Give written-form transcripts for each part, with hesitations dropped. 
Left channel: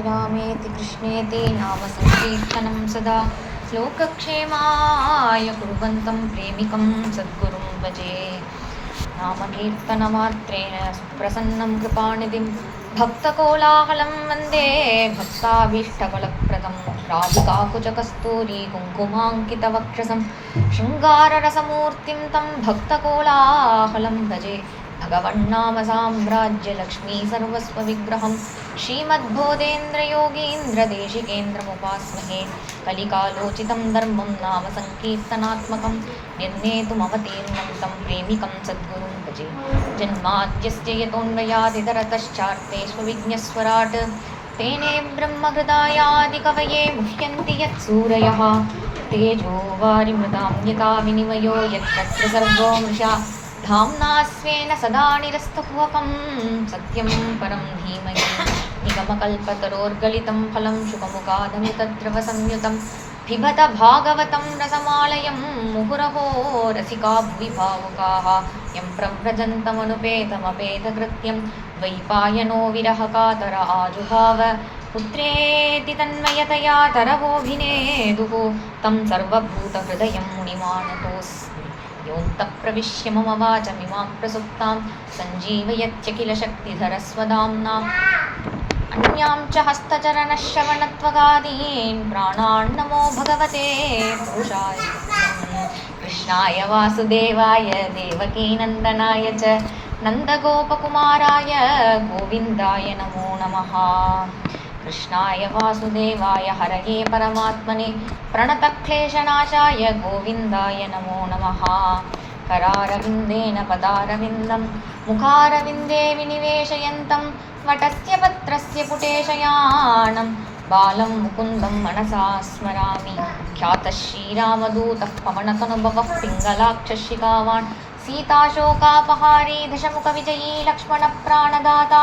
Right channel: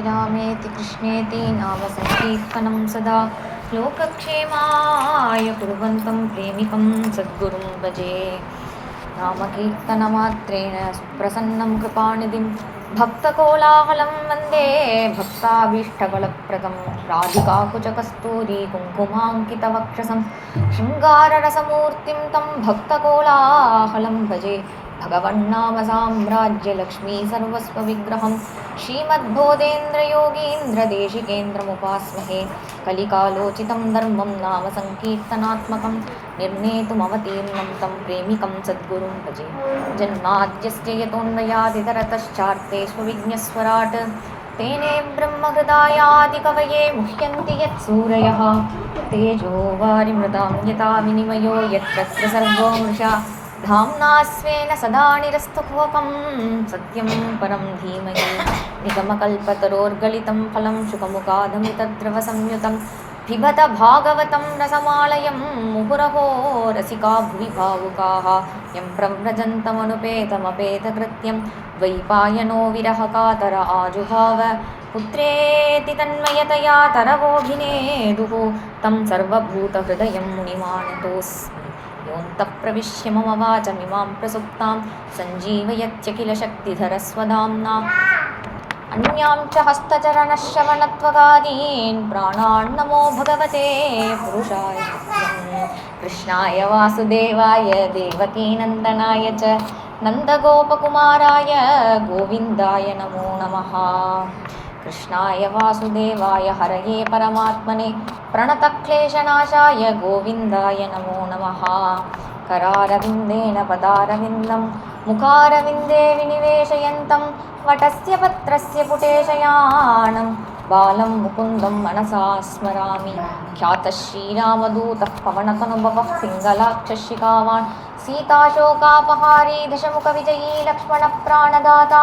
रामेति कृष्णेति नाम संकीर्तनं सदा लोकक्षेमाय कुर्वन्तं प्रेमिकं सद्गुरुं भजे। नामकीर्तनमात्रेण सुप्रसन्नं कृपानिधिं भक्तकोलाहलं वन्दे भक्ताभीष्टफलप्रदं राधिकाकुचकस्तूरी कुङ्कुमाङ्कितवक्षसं शृङ्गाररसमूर्तिं तं भक्तकोलाहलं भजे। भगवन्नाम साम्राज्यलक्ष्मी सर्वस्वविग्रहं श्रीमद्बोधेन्द्रयोगीन्द्रदेशिकेन्द्रमुपास्महे। कलिकालोचितं धर्मं नाम संकीर्तनात्मकं निर्णेतुमवतीर्णं तं प्रेमिकं सद्गुरुं भजे। जन्माद्यस्य यतोऽन्वयादितरतश्चार्थेष्वविज्ञस्वराट् तेने ब्रह्महृदायादिकवये मुह्यन्ति यत्सूरयः। तेजो वारिमृदां यथा विनिमयो यत्र सर्वो मृषा धाम्ना स्वेन सदा निरस्तकुहकं सत्यं परं धीमहि। निगमकल्पतरोर्गलितं फलं शुकमुखादमृतद्रवसंयुतं पिबत भागवतं रसमालयं मुहुरहो रसिका भुवि भावुकाः। यं प्रव्रजन्तमनुपेतमपेतकृत्यं द्वैपायनो विरहकातर आजुहाव पुत्रेति तन्मयतया तरवोऽभिनेदुः तं सर्वभूतहृदयं मुनिमानतोऽस्मि। योऽन्तः प्रविश्य मम वाचमिमां प्रसुप्तां सञ्जीवयत्यखिलशक्तिधरस्वदाम्ना अन्यां च हस्तचरणश्रवणत्वगादीन् प्राणान् नमो भगवते पुरुषाय कृष्णाय वासुदेवाय देवकीनन्दनाय च नन्दगोपकुमाराय गोविन्दाय नमो नमः। कृष्णाय वासुदेवाय हरये परमात्मने प्रणतक्लेशनाशाय गोविन्दाय नमो नमः। करारविन्देन पदारविन्दं मुखारविन्दे विनिवेशयन्तं वटस्य पत्रस्य पुटेशयानं बालं मुकुन्दं मनसा स्मरामि। ख्यातः श्रीरामदूतः पवनतनुभवः पिङ्गलाक्षशिखावान् सीताशोकापहारी दशमुखविजयी लक्ष्मणप्राणदाता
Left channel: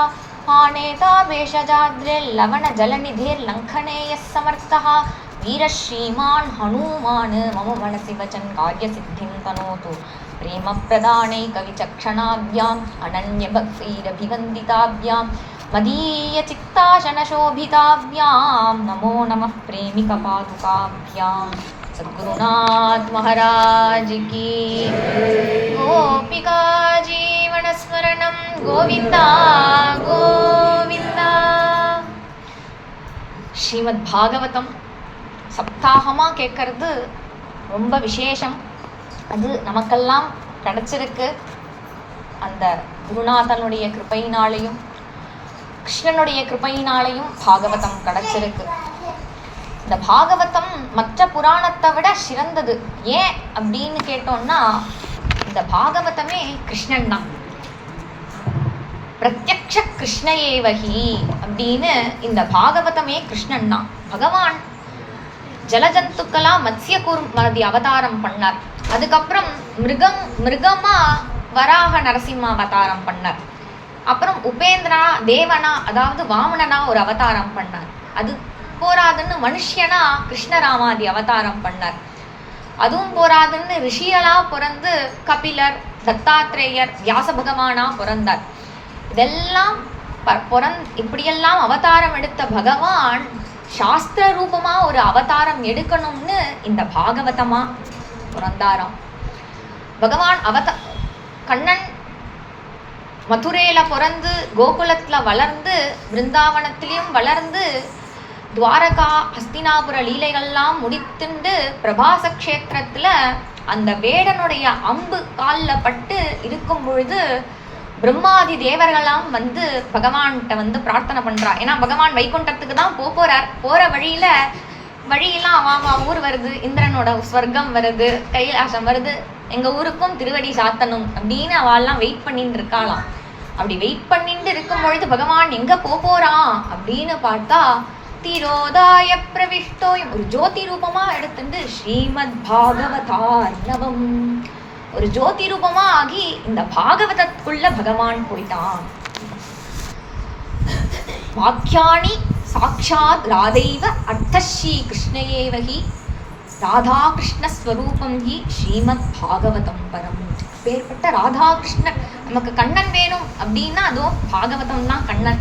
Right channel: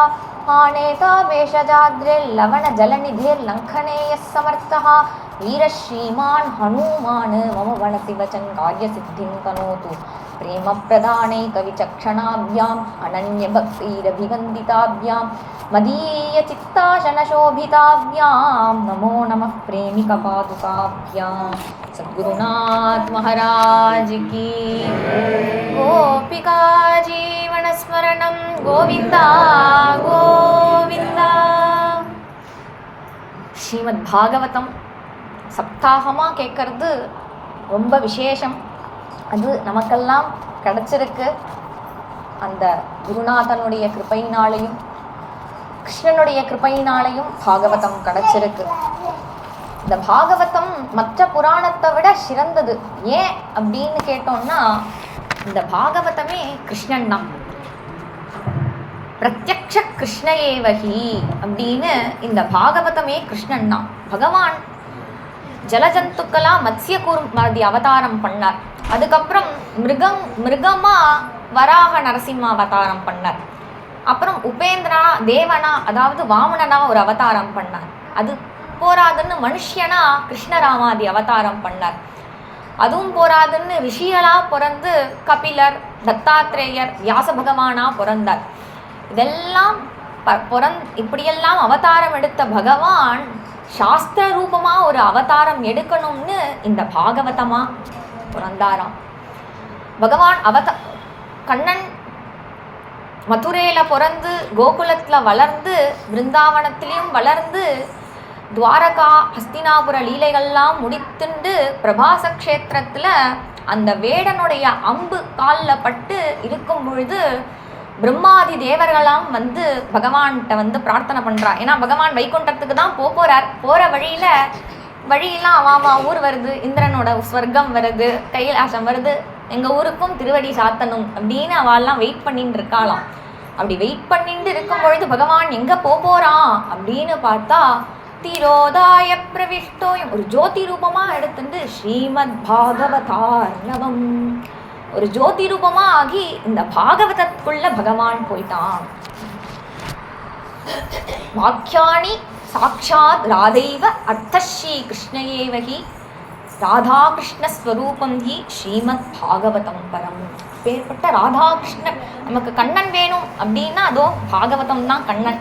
आनेता भेषजाद्रिर्लवणजलनिधिर्लङ्घने यः समर्थः वीरश्रीमान् हनूमान् मम मनसि वचन् कार्यसिद्धिं तनोतु। प्रेमप्रदानैकविचक्षणाभ्याम् अनन्यभक्तिरभिवन्दिताभ्यां मदीयचित्ताशनशोभिताभ्यां नमो नमः प्रेमिकपादुकाभ्यां। सद्गुरुनाथ महाराज की। गोपिका जीवनस्मरणं गोविन्दा गोविन्दा। ஸ்ரீமத் பாகவதம் சப்தாகமாக கேட்கறது ரொம்ப விசேஷம். அது நமக்கெல்லாம் கிடச்சிருக்கு அந்த குருநாதனுடைய கிருபையினாலையும் கிருஷ்ணனுடைய கிருபையினாலையும் பாகவதம் கிடச்சிருக்கு. இந்த பாகவதம் மற்ற புராணத்தை விட சிறந்தது. ஏன் அப்படின்னு கேட்டோம்னா இந்த பாகவதமே கிருஷ்ணன் தான். பிரத்யக்ஷ கிருஷ்ணயேவகி அப்படின்னு இந்த பாகவதமே கிருஷ்ணன் தான். பகவான் ஜலஜந்துக்களா மத்ஸ்ய கூர்மாதி அவதாரம் பண்ணார். அதுக்கப்புறம் மிருகமா வராக நரசிம்ம அவதாரம் பண்ணார். அப்புறம் உபேந்திரா தேவனா அதாவது வாமனனா ஒரு அவதாரம் பண்ணார். அது போராதுன்னு மனுஷனா கிருஷ்ணராமாதி அவதாரம் பண்ணார். அதுவும் போராதுன்னு ரிஷிகளா பிறந்து கபிலர் தத்தாத்ரேயர் வியாச பகவானா பிறந்தார். இதெல்லாம் இப்படியெல்லாம் அவதாரம் எடுத்த பகவான் சாஸ்திர ரூபமா ஒரு அவதாரம் எடுக்கணும்னு இந்த பாகவதமா பிறந்தாராம். பகவான் கண்ணன் மதுரையில பிறந்து கோகுலத்துல வளர்ந்து பிருந்தாவனத்திலையும் வளர்ந்து துவாரகா ஹஸ்தினாபுர லீலைகள்லாம் முடித்துண்டு பிரபாச கஷேத்திரத்துல அந்த வேடனுடைய அம்பு காலில் பட்டு இருக்கும் பொழுது பிரம்மாதி தேவர்களாம் வந்து பகவான்கிட்ட பிரார்த்தனை பண்றா. ஏன்னா பகவான் வைகுண்டத்துக்கு தான் போறார். போற வழியெல்லாம் அவாவா ஊர் வருது, இந்திரனோட ஸ்வர்க்கம் வருது, கைலாசம் வருது, எங்க ஊருக்கும் திருவடி சாத்தணும் அப்படின்னு அவெல்லாம் வெயிட் பண்ணிட்டு இருக்காளாம். அப்படி வெயிட் பண்ணிட்டு இருக்கும் பொழுது பகவான் எங்க போறான் அப்படின்னு பார்த்தா திரோதாய பிரவிஷ்டோயம் ஒரு ஜோதி ரூபமா எடுத்துட்டு ஸ்ரீமத் பாகவதார்ணவம் ஒரு ஜோதி ரூபமா ஆகி இந்த பாகவதத்துக்குள்ள பகவான் போயிட்டான். வாக்கியாணி சாட்சாத் ராதைவ அர்த்தஸ்ரீ கிருஷ்ணயேவகி ராதா கிருஷ்ண ஸ்வரூபம் ஹி ஸ்ரீமத் பாகவதம் பரம். பேர்பட்ட ராதாகிருஷ்ணன் நமக்கு கண்ணன் வேணும் அப்படின்னா அதோ பாகவதம் தான் கண்ணன்.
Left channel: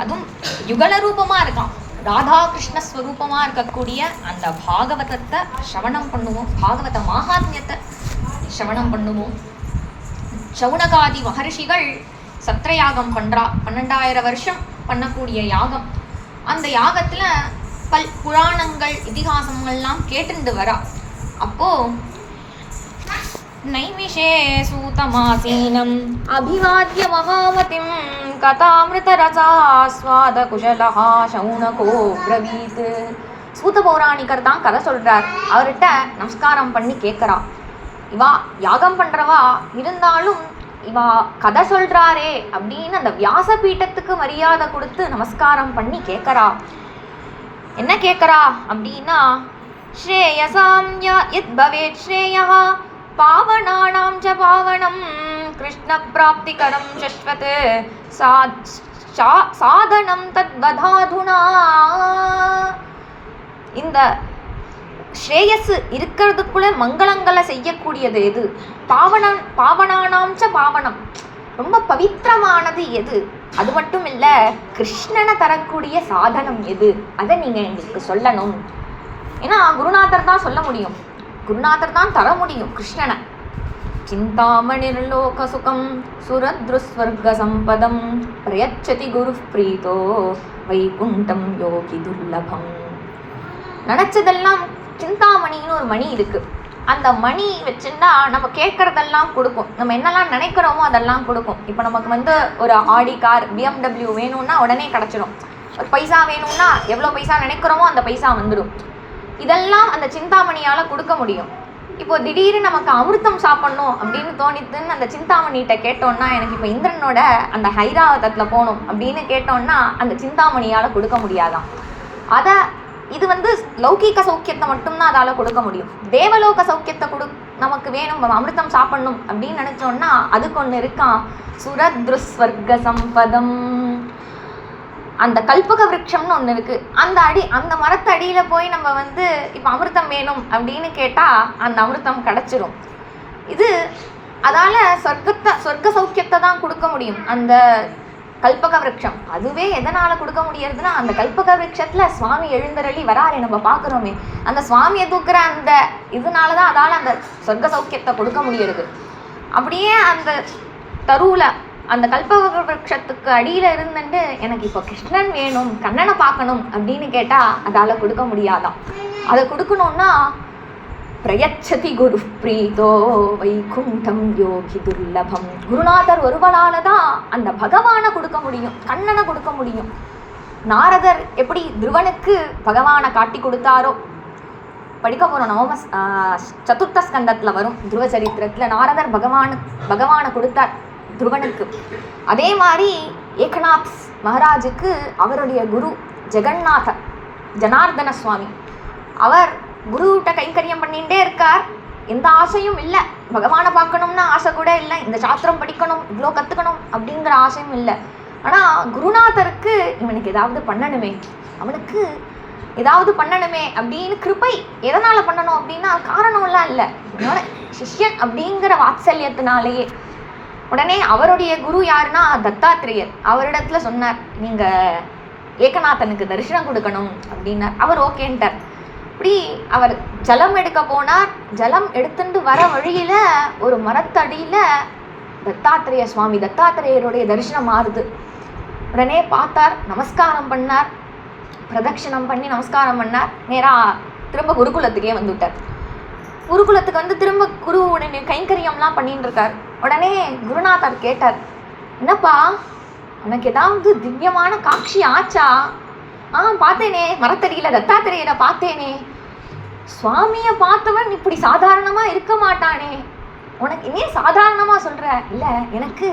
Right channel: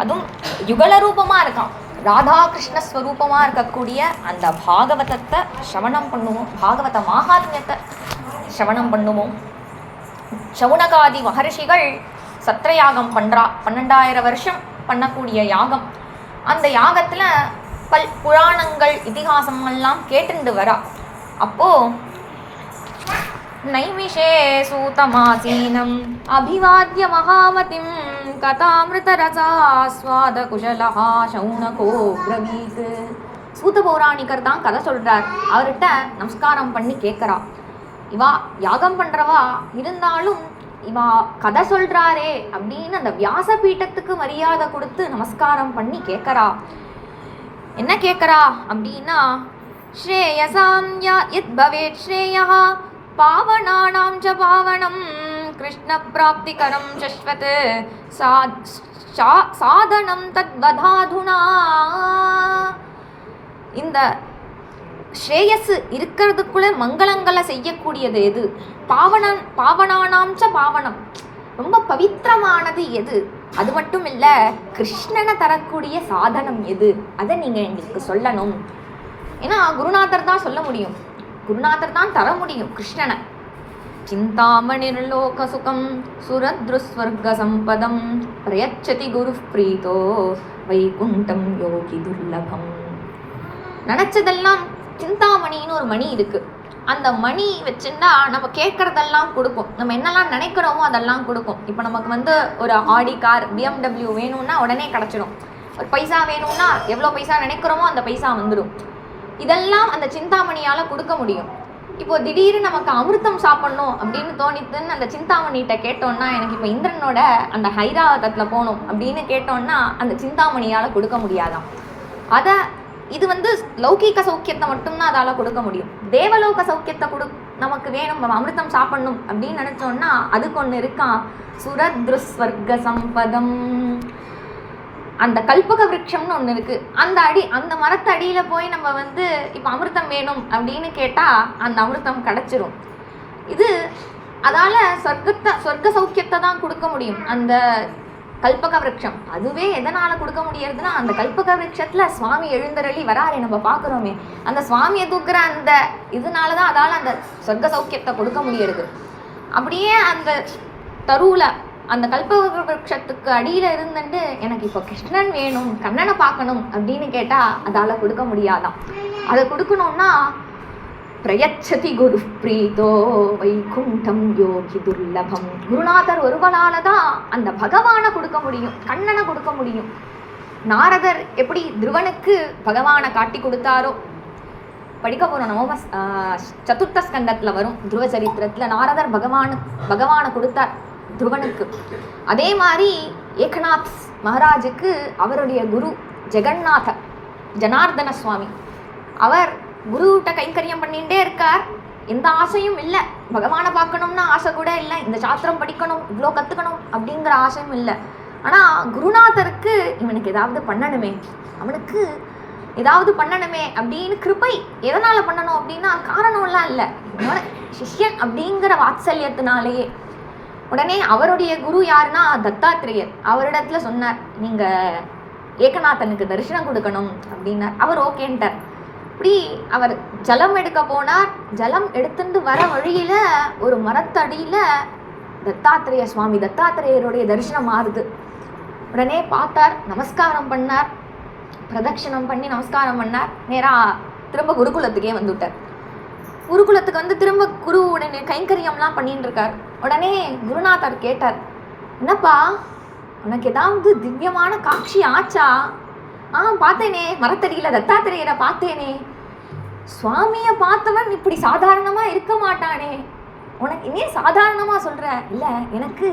அதுவும் யுகல ரூபமா இருக்கான். ராதாகிருஷ்ண ஸ்வரூபமாக இருக்கக்கூடிய அந்த பாகவதத்தை சிரவணம் பண்ணுவோம், பாகவத மகாத்மியத்தை சிரவணம் பண்ணுவோம். சவுனகாதி மகர்ஷிகள் சத்திரயாகம் பண்ணுறா, 12,000 வருஷம் பண்ணக்கூடிய யாகம். அந்த யாகத்தில் புராணங்கள் இதிகாசங்கள்லாம் கேட்டுண்டு வரா. அப்போது நைமிஷே சூதமாசீனம் அபிவாத்ய மகாமதிம் கதாமிருதரசாஸ்வாத குஷலஹா சௌனகோ பிரவீத். சூத பௌராணிகர் தான் கதை சொல்கிறார். அவர்கிட்ட நமஸ்காரம் பண்ணி கேட்குறா. இவா யாகம் பண்ணுறவா இருந்தாலும் இவா கதை சொல்கிறாரே அப்படின்னு அந்த வியாசபீட்டத்துக்கு மரியாதை கொடுத்து நமஸ்காரம் பண்ணி கேட்குறா. என்ன கேட்குறா அப்படின்னா, ஸ்ரேயசாம் யத் பவேத் ஸ்ரேயः பாவனானாம் ச பாவனம் கிருஷ்ண பிராப்திகரம் சஸ்வத் சாதனம் தத்வதாதுனா. இந்த ஸ்ரேயஸ் இருக்கிறதுக்குள்ள மங்களங்களை செய்யக்கூடியது எது? பாவனானாம் ச பாவனம், ரொம்ப பவித்திரமானது எது? அது மட்டும் இல்லை, கிருஷ்ணனை தரக்கூடிய சாதனம் எது? அதை நீங்கள் எங்களுக்கு சொல்லணும். ஏன்னா குருநாதர் தான் சொல்ல முடியும், குருநாதர் தான் தர முடியும் கிருஷ்ணனை. சிந்தாமணிர்லோக சுகம் சுரத்ருஸ்வர்க சம்பதம் பிரயச்சதி குரு பிரீதோ வைகுண்டம் யோகி துர்லபம். நினச்சதெல்லாம் சிந்தாமணின்னு ஒரு மணி இருக்குது. அந்த மணி வச்சுன்னா நம்ம கேட்குறதெல்லாம் கொடுக்கும், நம்ம என்னெல்லாம் நினைக்கிறோமோ அதெல்லாம் கொடுக்கும். இப்போ நமக்கு ஒரு ஆடி கார், BMW வேணும்னா உடனே கிடச்சிடும். ஒரு பைசா வேணும்னா எவ்வளோ பைசா நினைக்கிறோமோ அந்த பைசா வந்துடும். இதெல்லாம் அந்த சிந்தாமணியால் கொடுக்க முடியும். இப்போது திடீர்னு நமக்கு அமிர்தம் சாப்பிட்ணும் அப்படின்னு தோணித்துன்னு அந்த சிந்தாமணிகிட்ட கேட்டோன்னா, எனக்கு இப்போ இந்திரனோட அந்த ஹைராவதத்தில் போகணும் அப்படின்னு கேட்டோன்னா அந்த சிந்தாமணியால் கொடுக்க முடியாதான். அதை இது லௌகீக சௌக்கியத்தை மட்டும்தான் அதால் கொடுக்க முடியும். தேவலோக சௌக்கியத்தை நமக்கு வேணும், அமிர்தம் சாப்பிடணும் அப்படின்னு நினச்சோன்னா அதுக்கு ஒன்று இருக்கான், சுரத்ருஸ்வர்க சம்பதம். அந்த கல்பக விருட்சம்னு ஒன்று இருக்குது. அந்த மரத்து அடியில் போய் நம்ம இப்போ அமிர்தம் வேணும் அப்படின்னு கேட்டால் அந்த அமிர்தம் கிடச்சிரும். இது அதால் சொர்க்க சௌக்கியத்தை தான் கொடுக்க முடியும் அந்த கல்பக விருட்சம். அதுவே எதனால் கொடுக்க முடியறதுன்னா, அந்த கல்பக விருட்சத்தில் சுவாமி எழுந்தருளி வராரே நம்ம பார்க்குறோமே, அந்த சுவாமியை தூக்குற அந்த இதனால தான் அதால் அந்த சொர்க்க சௌக்கியத்தை கொடுக்க முடியறது. அப்படியே அந்த தருவில் அந்த கல்பக விருட்சத்துக்கு அடியில் இருந்துட்டு எனக்கு இப்போ கிருஷ்ணன் வேணும், கண்ணனை பார்க்கணும் அப்படின்னு கேட்டால் அதால் கொடுக்க முடியாதான். அதை கொடுக்கணுன்னா பிரயச்சதி குரு பிரீதோ வைகுண்டம் யோகி துர்லபம். குருநாதர் ஒருவரால் தான் அந்த பகவானை கொடுக்க முடியும், கண்ணனை கொடுக்க முடியும். நாரதர் எப்படி துருவனுக்கு பகவானை காட்டி கொடுத்தாரோ, படிக்க போகிறோம் சதுர்த்த ஸ்கந்தத்தில் வரும் துருவ சரித்திரத்தில், நாரதர் பகவானை கொடுத்தார் துருவனுக்கு. அதே மாதிரி ஏகநாத் மகாராஜுக்கு அவருடைய குரு ஜனார்தன சுவாமி, அவர் குருகிட்ட கைங்கரியம் பண்ணிகிட்டே இருக்கார். எந்த ஆசையும் இல்லை, பகவானை பார்க்கணும்னா ஆசை கூட இல்லை, இந்த சாஸ்திரம் படிக்கணும், இவ்வளோ கற்றுக்கணும் அப்படிங்கிற ஆசையும் இல்லை. ஆனால் குருநாதருக்கு இவனுக்கு ஏதாவது பண்ணணுமே, அவனுக்கு ஏதாவது பண்ணணுமே அப்படின்னு கிருபை. எதனால் பண்ணணும் அப்படின்னா காரணம்லாம் இல்லை, என்னோட சிஷ்யன் அப்படிங்கிற வாத்சல்யத்தினாலேயே. உடனே அவருடைய குரு யாருன்னா தத்தாத்திரேயர். அவரிடத்துல சொன்னார், நீங்கள் ஏகநாதனுக்கு தரிசனம் கொடுக்கணும் அப்படின்னார். அவர் ஓகேன்ட்டார். இப்படி அவர் ஜலம் எடுக்க போனார். ஜலம் எடுத்துட்டு வர வழியில் ஒரு மரத்தடியில் தத்தாத்திரேயருடைய தரிசனம் ஆறுது. உடனே பார்த்தார், நமஸ்காரம் பண்ணார், பிரதட்சிணம் பண்ணி நமஸ்காரம் பண்ணார். நேராக திரும்ப குருகுலத்துக்கே வந்துவிட்டார். குருகுலத்துக்கு திரும்ப குருவுடைய கைங்கரியம்லாம் பண்ணிட்டு இருக்கார். உடனே குருநாதர் கேட்டார், என்னப்பா உனக்கு ஏதாவது திவ்யமான காட்சி ஆச்சா? பார்த்தேனே, மரத்தடியில் தத்தாத்திரேயரை பார்த்தேனே. சுவாமியை பார்த்தவன் இப்படி சாதாரணமாக இருக்க மாட்டானே, உனக்கு இனி சாதாரணமாக சொல்கிற? இல்லை, எனக்கு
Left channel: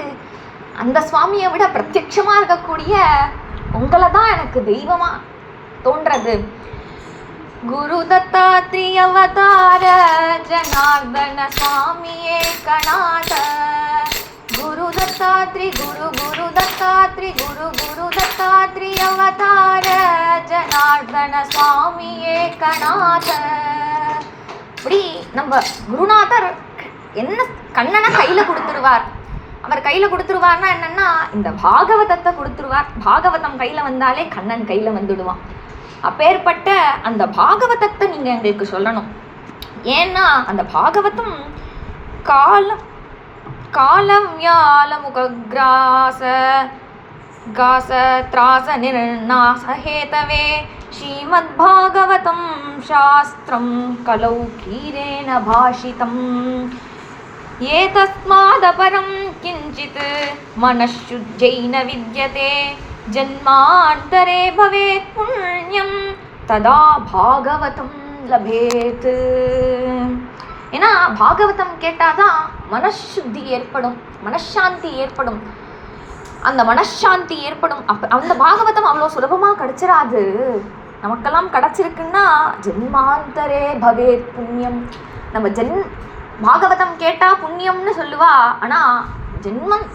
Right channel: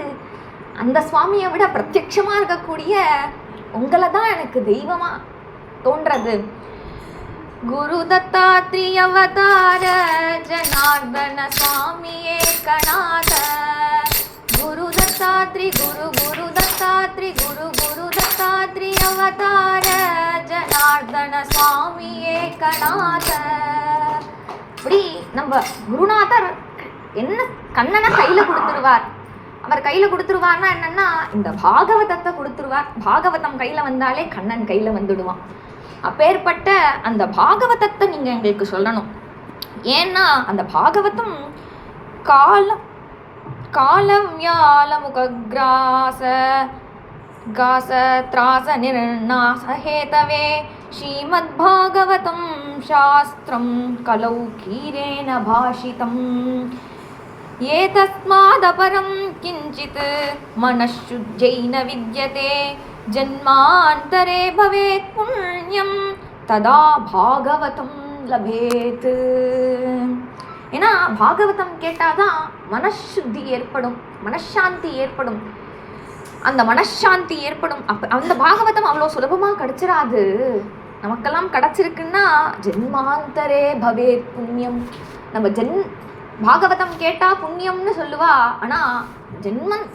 அந்த சுவாமியை விட பிரத்யட்சமாக இருக்கக்கூடிய உங்களை தான் எனக்கு தெய்வமாக தோன்றது. குரு தத்தாத்ரேய அவதார ஜனார்தன சுவாமியே கணாத. குரு தத்தாத்ரி குரு தத்தாத்ரி குரு தத்தாத்ரி அவதார ஜனார்தன சுவாமியே கணாத. இப்படி நம்ம குருநாதர் என்ன கண்ணனை கையில் கொடுத்துருவார். அவர் கையில் கொடுத்துருவார்னா என்னென்னா, இந்த பாகவதத்தை கொடுத்துருவார். பாகவதம் கையில் வந்தாலே கண்ணன் கையில் வந்துடுவான். அப்பேற்பட்ட அந்த பாகவதத்தை நீங்கள் எங்களுக்கு சொல்லணும். ஏன்னா அந்த பாகவதம் காலவ்யாலமுகிராச காச திராச நிர்நாசஹேதவே ஸ்ரீமத்பாகவதம் சாஸ்திரம் கலௌ கீரேன பாஷிதம் ஏதஸ்மாதபரம் கிஞ்சித் மனசுஜ்ஜைன வித்யதே ஜன்மாந்தரே பவேத் புண்ணியம் ததா பாகவதம் லபேத். ஏன்னா பாகவதம் கேட்டாதான் மனசுத்தி ஏற்படும், மனசாந்தி ஏற்படும். அந்த மனசாந்தி ஏற்படும். அந்த பாகவதம் அவ்வளோ சுலபமாக கிடைச்சிடாது. நமக்கெல்லாம் கிடச்சிருக்குன்னா ஜென்மாந்தரே பவேத் புண்ணியம். நம்ம பாகவதம் கேட்டால் புண்ணியம்னு சொல்லுவா. ஆனால்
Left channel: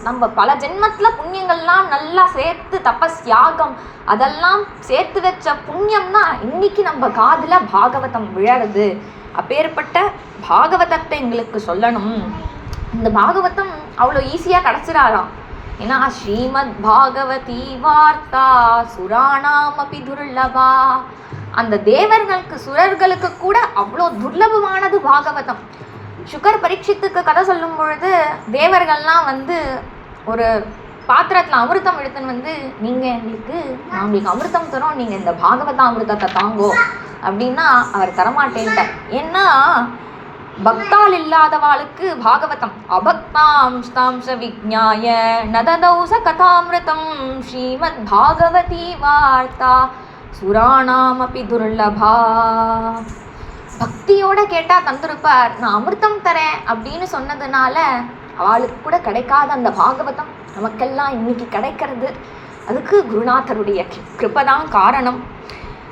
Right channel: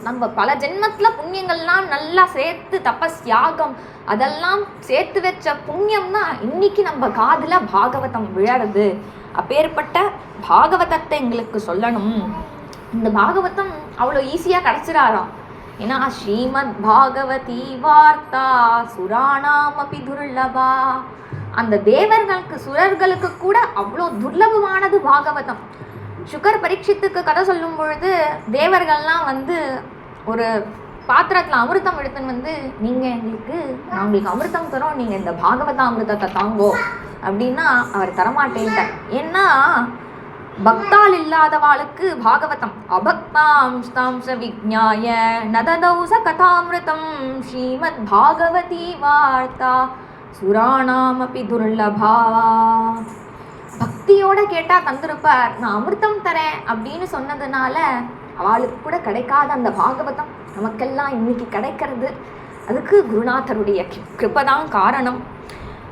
நம்ம பல ஜென்மத்தில் புண்ணியங்கள்லாம் நல்லா சேர்த்து தபஸ் யாகம் அதெல்லாம் சேர்த்து வச்ச புண்ணியம் தான் இன்னைக்கு நம்ம காதில் பாகவதம் விழறது. அப்பேற்பட்ட பாகவதத்தை எங்களுக்கு சொல்லணும். இந்த பாகவதம் அவ்வளோ ஈஸியாக கிடச்சிடாராம். ஏன்னா ஸ்ரீமத் பாகவதி வார்த்தா சுராணாமபி துர்லபா. அந்த தேவர்களுக்கு சுரர்களுக்கு கூட அவ்வளோ துர்லபமானது பாகவதம். சுகர் பரீட்சித்துக்கு கதை சொல்லும் பொழுது தேவர்கள்லாம் ஒரு பாத்திரத்தில் அமிர்தம் எடுத்துன்னு நான் உங்களுக்கு அமிர்தம் தரோம், நீங்கள் இந்த பாகவத அமிர்தத்தை தாங்கோ அப்படின்னா அவர் தரமாட்டேன்ட்டார். ஏன்னா பக்தால் இல்லாதவாளுக்கு பாகவதம் அபக்தாம்ஸ்தாம்ச விஜ்ஞாய நததௌச கதாமிருதம் ஸ்ரீமத் பாகவதி வார்த்தா சுராணாமபி துர்லபா. பக்தியோட கேட்டால் தந்திருப்பார். நான் அமிர்தம் தரேன் அப்படின்னு சொன்னதுனால அவளுக்கு கூட கிடைக்காத அந்த பாகவதம் நமக்கெல்லாம் இன்னைக்கு கிடைக்கிறது. அதுக்கு குருநாதருடைய கிருபதான் காரணம்.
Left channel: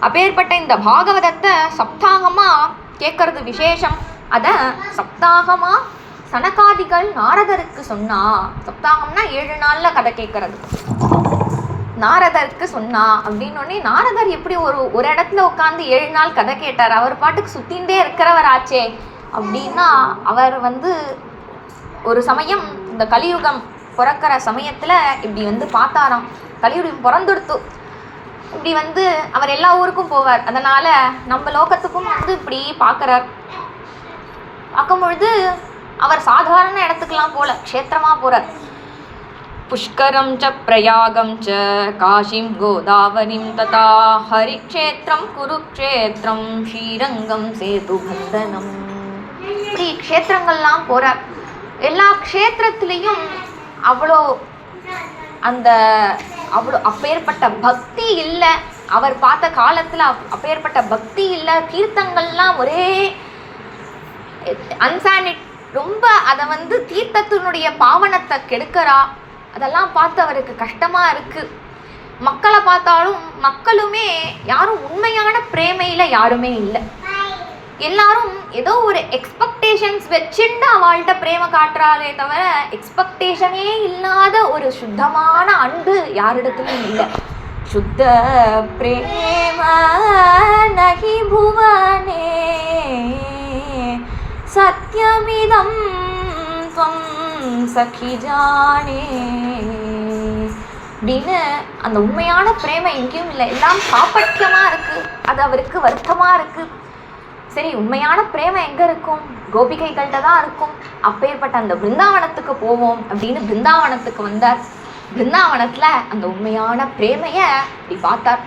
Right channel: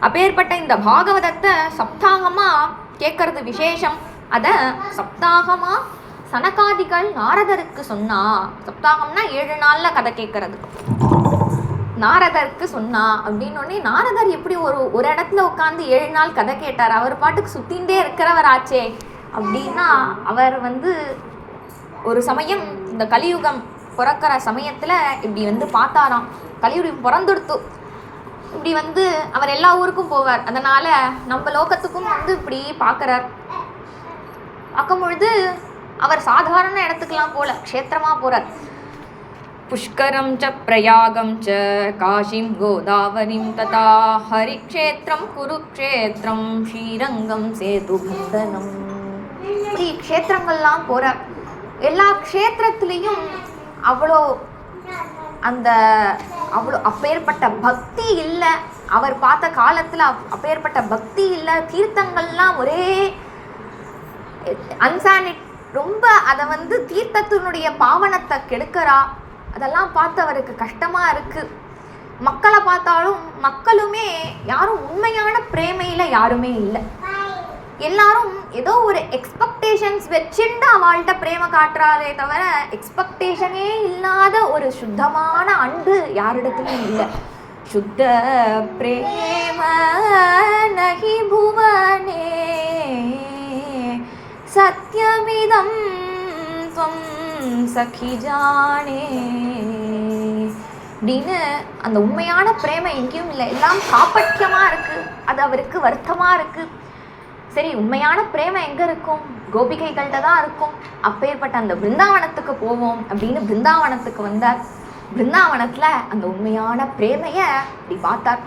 அப்பேற்பட்ட இந்த பாகவதத்தை சப்தாகமாக கேட்கறது விசேஷம். அதை சப்தாகமாக சனகாதிகள் நாரதருக்கு சொன்னா. சப்தாகம்னா 7 நாளில் கதை கேட்கறது. நாரதருக்கு சொன்னா அப்படின்னோடனே நாரதர் எப்படி ஒரு இடத்துல உட்காந்து 7 நாள் கதை கேட்டார்? அவர் பாட்டுக்கு சுத்தின்ண்டே இருக்கிறவர் ஆச்சே அப்படின்னா, அவர் ஒரு சமயம் இந்த கலியுகம் பிறக்கிற சமயத்தில் இப்படி பார்த்தாராம். கலியுகம் பிறந்துடுத்து. இப்படி அவர் எல்லா ஊருக்கும் போவார். அதனால் நம்ம லோகத்துக்கும் இப்படி பார்க்குறார். பார்க்கும் பொழுது அவர் சாதாரண இடத்துக்கெல்லாம் போல, க்ஷேத்திரமாக போகிறார். புஷ்கரம் ச பிரயாகம் ச காஷிம் கோதாவரிம் ததா ஹரிக்ஷேத்திரம் குருக்ஷேத்திரம் ஸ்ரீரங்கம் சேதுபந்தனம். இப்படி க்ஷேத்திரங்கள்லாம் போகிறார். எல்லா க்ஷேத்திரத்துலேயும் அவ்வளோ அப்பேற்பட்ட பக்தி இல்லை. அவர் பார்த்த காலத்தில் அப்பேற்பட்ட பக்தி இல்லை. தீர்த்தங்கள்லாம் ஒரே அன்சானிட், ரொம்ப அதை தீர்த்தத்தினுடைய பாவனத்தை கெடுக்கிறா. அதெல்லாம் பார்த்து அவருக்கு கஷ்டமாக இருக்குது. மக்களை பார்த்தாலும் மக்களுமே யாரும் உண்மையான பிரேமையில் யாருமே இல்லை. எல்லாரும் ஏதோ ஒரு எக்ஸ்பெக்டேஷன்ஸ் வச்சுட்டு அவள்கிட்ட பிரேம காட்டுறாரே தவிர எக்ஸ்பெக்டேஷனே இல்லாத ஒரு சுத்தமான அன்பு யாரிடத்துலையும் இல்லை. சுத்த பிரேம நகி புவனே சத்யமிதம் துவம் சகி ஜானே அப்படின்னு அந்த உண்மையான பிரேமை எங்கேயும் இல்லை. எல்லாம் காப்பட்யமாக இருக்குது. அது அவருக்கு வருத்தமாக இருக்குது. சரி, உண்மையான பிரேமை எங்கே இருக்கும்? கோபிகைகள்கிட்ட தான் இருக்கும். அப்பேற்பட்ட அந்த பிருந்தாவனத்துக்கு போவோம் அப்படின்னு பிருந்தாவனத்துக்கு வந்தார். பிருந்தாவனத்தில் அந்த உண்மையான பிரேமையை இப்படி பார்த்தார்.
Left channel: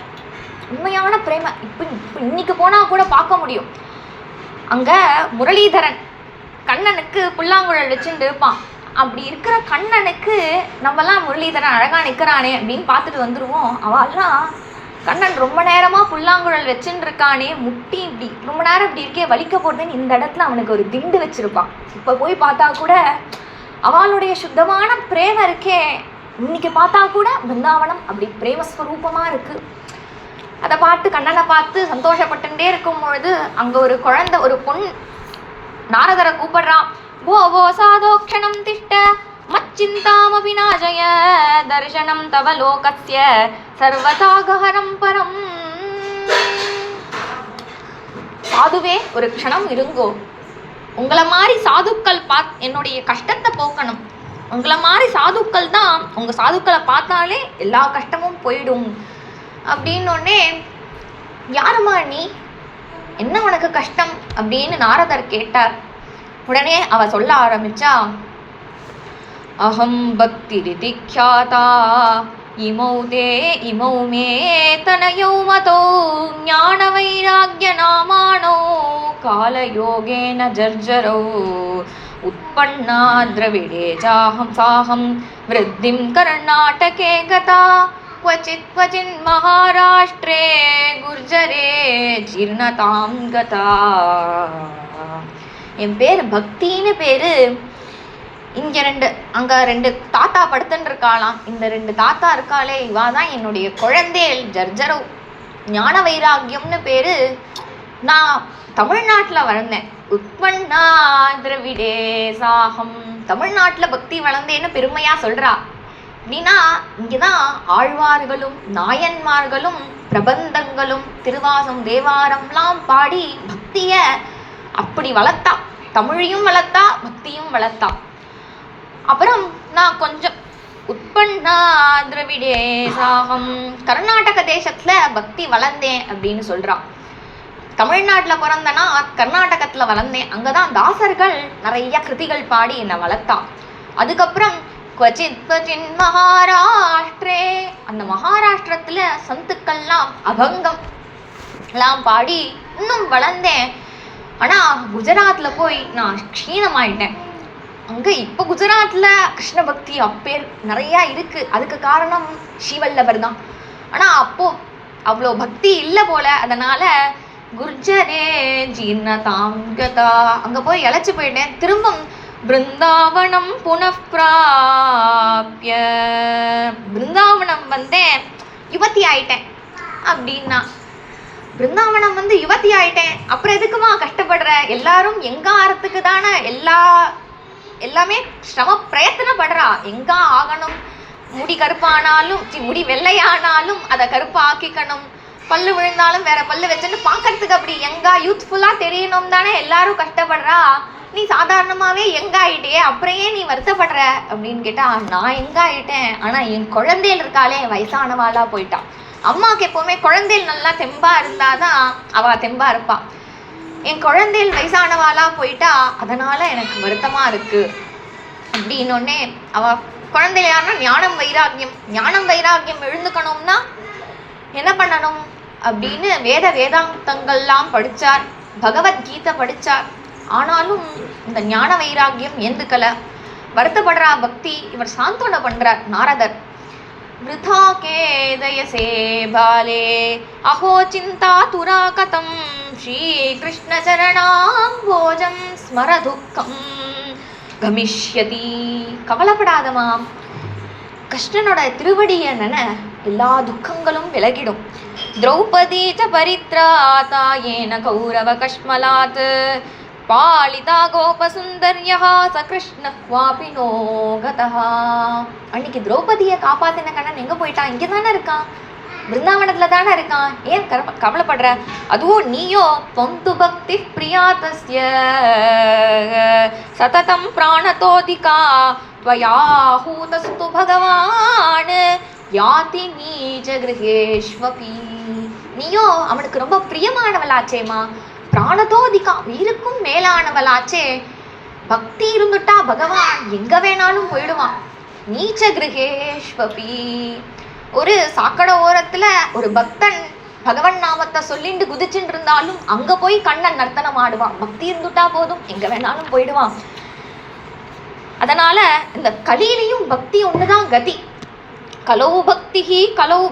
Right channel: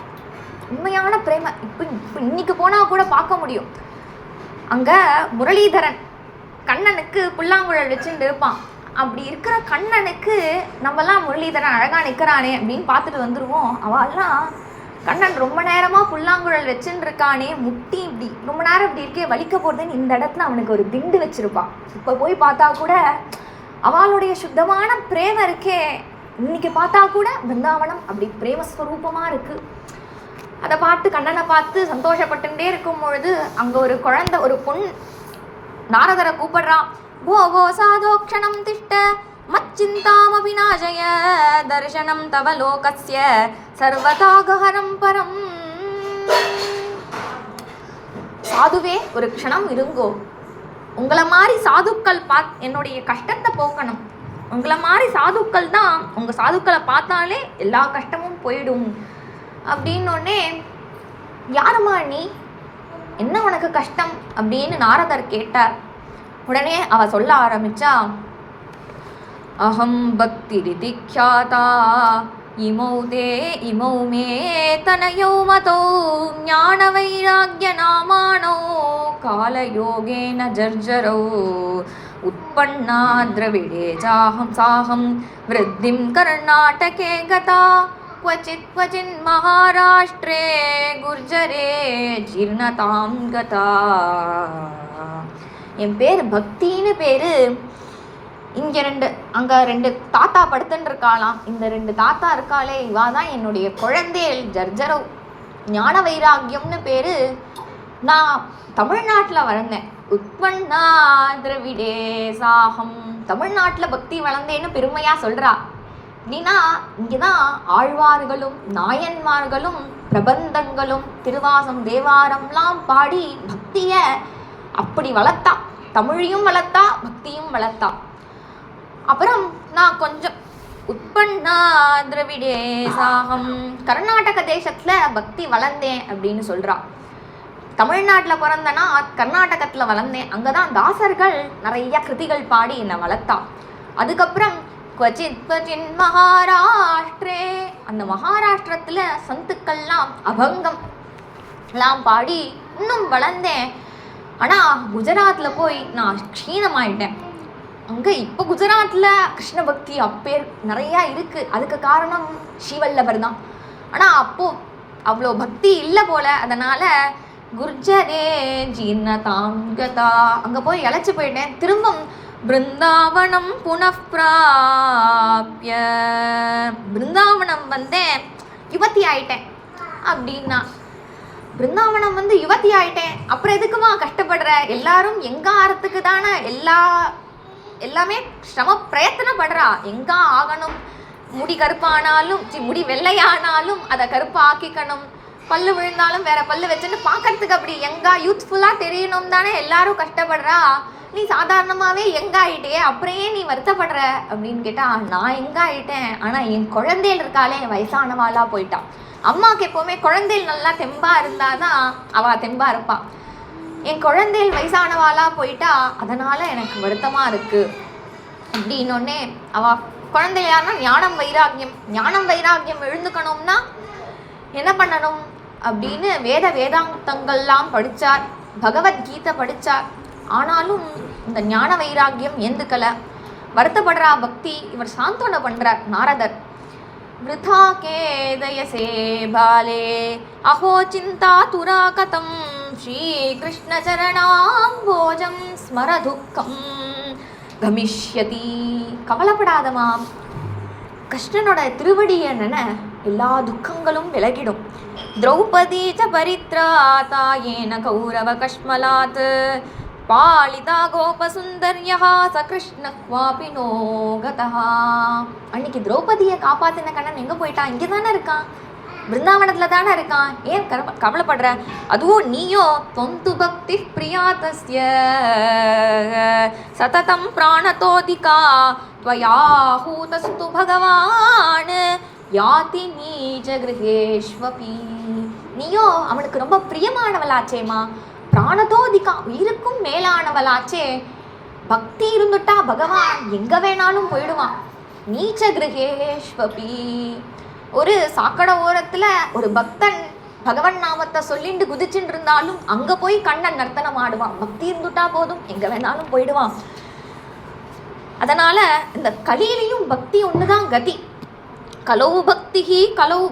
உண்மையான பிரேமை இப்போ இன்னைக்கு போனால் கூட பார்க்க முடியும். அங்கே முரளிதரன் கண்ணனுக்கு புல்லாங்குழல் வச்சுட்டு இருப்பான். அப்படி இருக்கிற கண்ணனுக்கு நம்மலாம் முரளிதரன் அழகாக நிற்கிறானே அப்படின்னு பார்த்துட்டு வந்துடுவோம். அவெல்லாம் கண்ணன் ரொம்ப நேரமாக புல்லாங்குழல் வச்சுன்னு இருக்கானே, முட்டி இப்படி ரொம்ப நேரம் இப்படி இருக்கே வலிக்க போகிறதுன்னு இந்த இடத்துல அவனுக்கு ஒரு திண்டு வச்சுருப்பான். இப்போ போய் பார்த்தா கூட அவளுடைய சுத்தமான பிரேமை இருக்கே. இன்னைக்கு பார்த்தா கூட பிருந்தாவனம் அப்படி பிரேமஸ்வரூபமாக இருக்குது. அதை பார்த்து கண்ணனை பார்த்து சந்தோஷப்பட்டுட்டே இருக்கும் பொழுது அங்கே ஒரு குழந்தை, ஒரு பொண் நாரதரை கூப்பிடுறான். போ போ சாதோக்ஷணம் திஷ்ட மச்சிந்தாமபி நாஜய தர்சனம் தவ லோகஸ்ய சர்வதாகஹரம் பரம். சாதுவே, ஒரு க்ஷணம் இருங்கோ. உங்களை மாதிரி சாதுக்கள் என்னுடைய கஷ்டத்தை போக்கணும். உங்களை மாதிரி சாதுக்கள் தான், உங்கள் சாதுக்களை பார்த்தாலே எல்லா கஷ்டமும் போயிடும் அப்படின்னோடனே யாருமா நீ, என்ன உனக்கு கஷ்டம் அப்படின்னு நாரதர் கேட்டார். உடனே அவ சொல்ல ஆரம்பிச்சா, அஹம் பக்தி ரிதிக்யாதா இமௌ மே தனயௌ மதோ ஞான வைராக்ய நாமானோ காலயோகேன ஜர்ஜரோ உத்பன்னா திரவிடே சாஹம் சாஹம் விருத்திம் கர்நாடகே கதா क्वचित् क्वचिन् महाराष्ट्रे गुर्जरे जीर्णतां गता. என் பேர் பக்தின்னு பேர். இங்கே அங்கே 2 தாத்தா படுத்துன்னு இருக்காளாம். இந்த 2 தாத்தா இருக்காளே, இவா தான் என்னுடைய குழந்தைகள் ஜர்ஜரவ். ஞான வைராக்கியம்னு பேர். நான் தமிழ்நாட்டில் வளர்ந்தேன். உத்பன்னா திரவிடே சாகம். தமிழ்நாட்டில் பக்தி வளர்ந்தேன்னு பெருமையாக சொல்கிறா. அப்படின்னா இங்கே தான் ஆழ்வார்களும் நாயன்மார்களும் பிரபந்தங்களும் திருவாசம் தேவாரம்லாம் பாடி பக்தியை அப்படி வளர்த்தா. தமிழையும் வளர்த்தா, பக்தியும் வளர்த்தா. அப்புறம் நான் கொஞ்சம் உட்பண்ணா திரவிடே சாகம் கர்நாடக தேசத்தில் பக்தி வளர்ந்தேன் அப்படின்னு சொல்கிறான். தமிழ்நாட்டில் பிறந்தனா கர்நாடகத்தில் வளர்ந்தேன். அங்கே தான் தாசர்கள் நிறைய கிருதிகள் பாடி என்னை வளர்த்தா. அதுக்கப்புறம் क्वचित् क्वचिन् மகாராஷ்டிரே, அந்த மகாராஷ்டிரத்தில் சந்துக்கள்லாம் அபங்கம் எல்லாம் பாடி இன்னும் வளர்ந்தேன். ஆனால் குஜராத்தில் போய் நான் க்ஷீணமாயிட்டேன். அங்கே இப்போ குஜராத்தில் கிருஷ்ண பக்தி அப்பேர் நிறையா இருக்குது. அதுக்கு காரணம் ஸ்ரீவல்லபர் தான். ஆனால் அப்போது அவ்வளோ பக்தி இல்லை போல. அதனால் குர்ஜரே ஜீர்ணதாம் கதா, அங்கே போய் இழைச்சி போயிட்டேன். திரும்பம் பிருந்தாவனம் புனப்பிராப்ய, பிருந்தாவனம் வந்தேன், யுவதி ஆயிட்டேன் அப்படின்னா. பிருந்தாவனம் வந்து யுவதி ஆயிட்டேன், அப்புறம் எதுக்குமா கஷ்டப்படுற? எல்லாரும் எங்க ஆறத்துக்கு தானே எல்லாமே சிரம பிரயத்தனப்படுறா. எங்க ஆகணும், முடி கருப்பானாலும் முடி வெள்ளையானாலும் அதை கருப்பா ஆக்கிக்கணும், பல்லு விழுந்தாலும் வேற பல்லு வச்சுன்னு பார்க்கறதுக்கு அப்படி எங்கா யூத்ஃபுல்லாக தெரியணும் தானே எல்லாரும் கஷ்டப்படுறா. நீ சாதாரணமாகவே எங்காயிட்டே, அப்புறம் ஏன் நீ வருத்தப்படுற அப்படின்னு கேட்டால், நான் எங்காயிட்டேன், ஆனால் என் குழந்தைகள் இருக்காளே வயசானவாளாக போயிட்டான். அம்மாவுக்கு எப்போவுமே குழந்தைகள் நல்லா தெம்பாக இருந்தால் தான் அவள் தெம்பாக இருப்பாள். என் குழந்தைகள் வயசானவாளாக போயிட்டா, அதனால் எனக்கு வருத்தமாக இருக்குது அப்படின்னோடனே அவள் குழந்தைகள் யாருன்னா ஞானம் வைராக்கியம் எழுந்துக்கணும்னா என்ன பண்ணணும் அப்படின்னு வேதாந்தங்கள்லாம் படித்தார், பகவத்கீதை படித்தார். ஆனாலும் இந்த ஞான வைராக்கியம் ஏந்துக்கலை, வருத்தப்படுறா பக்தி. இவர் சாந்தோன பண்ணுறார் நாரதர். விருதா கேதயசே பாலே அஹோ சிந்தா துரா கதம் ஸ்ரீகிருஷ்ண சரணாம்போஜம் ஸ்மர துக்கம் கமிஷ்யதி. கவலைப்படாதமாம், கிருஷ்ணனோட திருவடியை எல்லா துக்கங்களும் விலகிடும். திரௌபதி ச பரித்ராதா ஏன கௌரவ கஷ்மலாத் பாலிதா கோபசுந்தர்யா ச கிருஷ்ண குவாபினோ கதா. அன்னைக்கு திரௌபதியை காப்பாத்தின கண்ணன் எங்கே போயிட்டான்? இங்கே தானே இருக்கான், பிருந்தாவனத்தில் தானே இருக்கான். ஏன் கவலைப்படுற? அதுவும் நீயோ தொந்து பக்தி பிரியாதஸ்ய சததம் பிராணதோதிகா त्वयाहूतस्तु भगवान् யாதி நீஜ கிரகேஷ்வபி. நீயோ அவனுக்கு ரொம்ப பிரியமானவளாச்சேமா, பிராணதோதிகா உயிருக்கும் மேலானவளாச்சே. பக்தி இருந்துட்டா பகவான் எங்க வேணாலும் போயிடுவான். நீச்ச கிரகேஷ்வபி. ஒரு சாக்கடை ஓரத்துல ஒரு பக்தன் பகவன் நாமத்தை சொல்லிட்டு குதிச்சுட்டு இருந்தாலும் அங்க போய் கண்ணன் நர்த்தனம் ஆடுவான். பக்தி இருந்துட்டா போதும், எங்க வேணாலும் போயிடுவான். அதனால இந்த கலியிலையும் பக்தி ஒண்ணுதான் கதி. கலௌ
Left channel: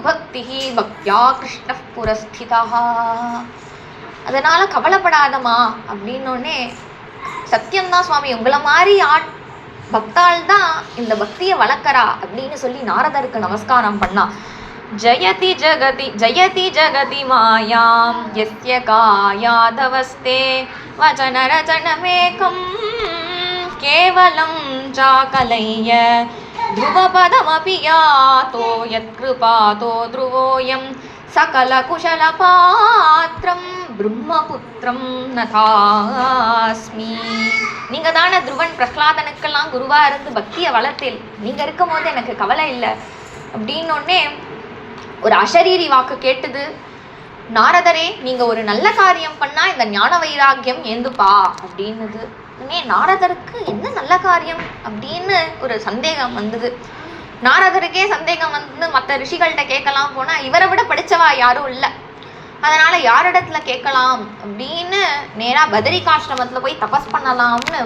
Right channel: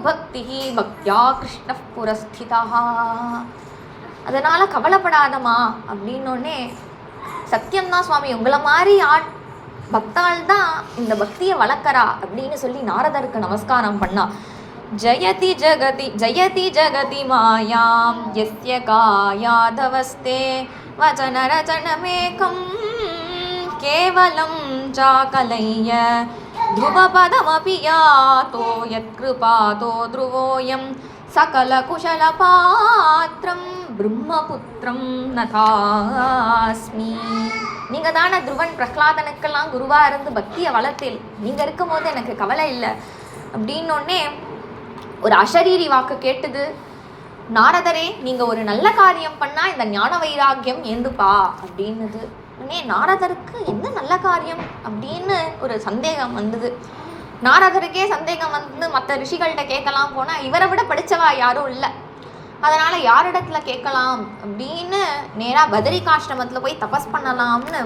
பக்திஹி பக்தியா கிருஷ்ண புரஸ்திதா. அதனால கவலைப்படாதமா அப்படின்னோடனே, சத்தியம்தான் சுவாமி, உங்களை மாதிரி பக்தாள் தான் இந்த பக்தியை வளர்க்கறா அப்படின்னு சொல்லி நாரதருக்கு நமஸ்காரம் பண்ணா. ஜயதி ஜகதி மாயாம் யஸ்ய காயாதவஸ்தே வசன ரச்சனமேகம் கேவலம் சாகலைய ध्रुवपदमपि यातो यत्कृपातो ध्रुवोऽयं सकलकुशलपात्रं ब्रह्मपुत्रं नतास्मि. நீங்கள் தானே துருவன் பிரஹ்லாதனுக்கெல்லாம் குருவாக இருந்து பக்தியை வளர்த்தேன், நீங்கள் இருக்கும் போது எனக்கு கவலை இல்லை அப்படின்னோடனே ஒரு அசரீரி வாக்கு கேட்டுது. நாரதரே, நீங்க ஒரு நல்ல காரியம் பண்ணா இந்த ஞான வைராக்கியம் ஏந்துப்பா அப்படின்னுது. உடனே நாரதருக்கு என்ன நல்ல காரியம் அப்படின்னு ஒரு சந்தேகம் வந்தது. நாரதருக்கே சந்தேகம் வந்து மற்ற ரிஷிகள்கிட்ட கேட்கலாம் போனா இவரை விட படிச்சவா யாரும் இல்லை. அதனால யாரிடத்துல கேட்கலாம் அப்படின்னு நேரா பதரிகாஷ்டமத்துல போய் தபஸ் பண்ணலாம்னு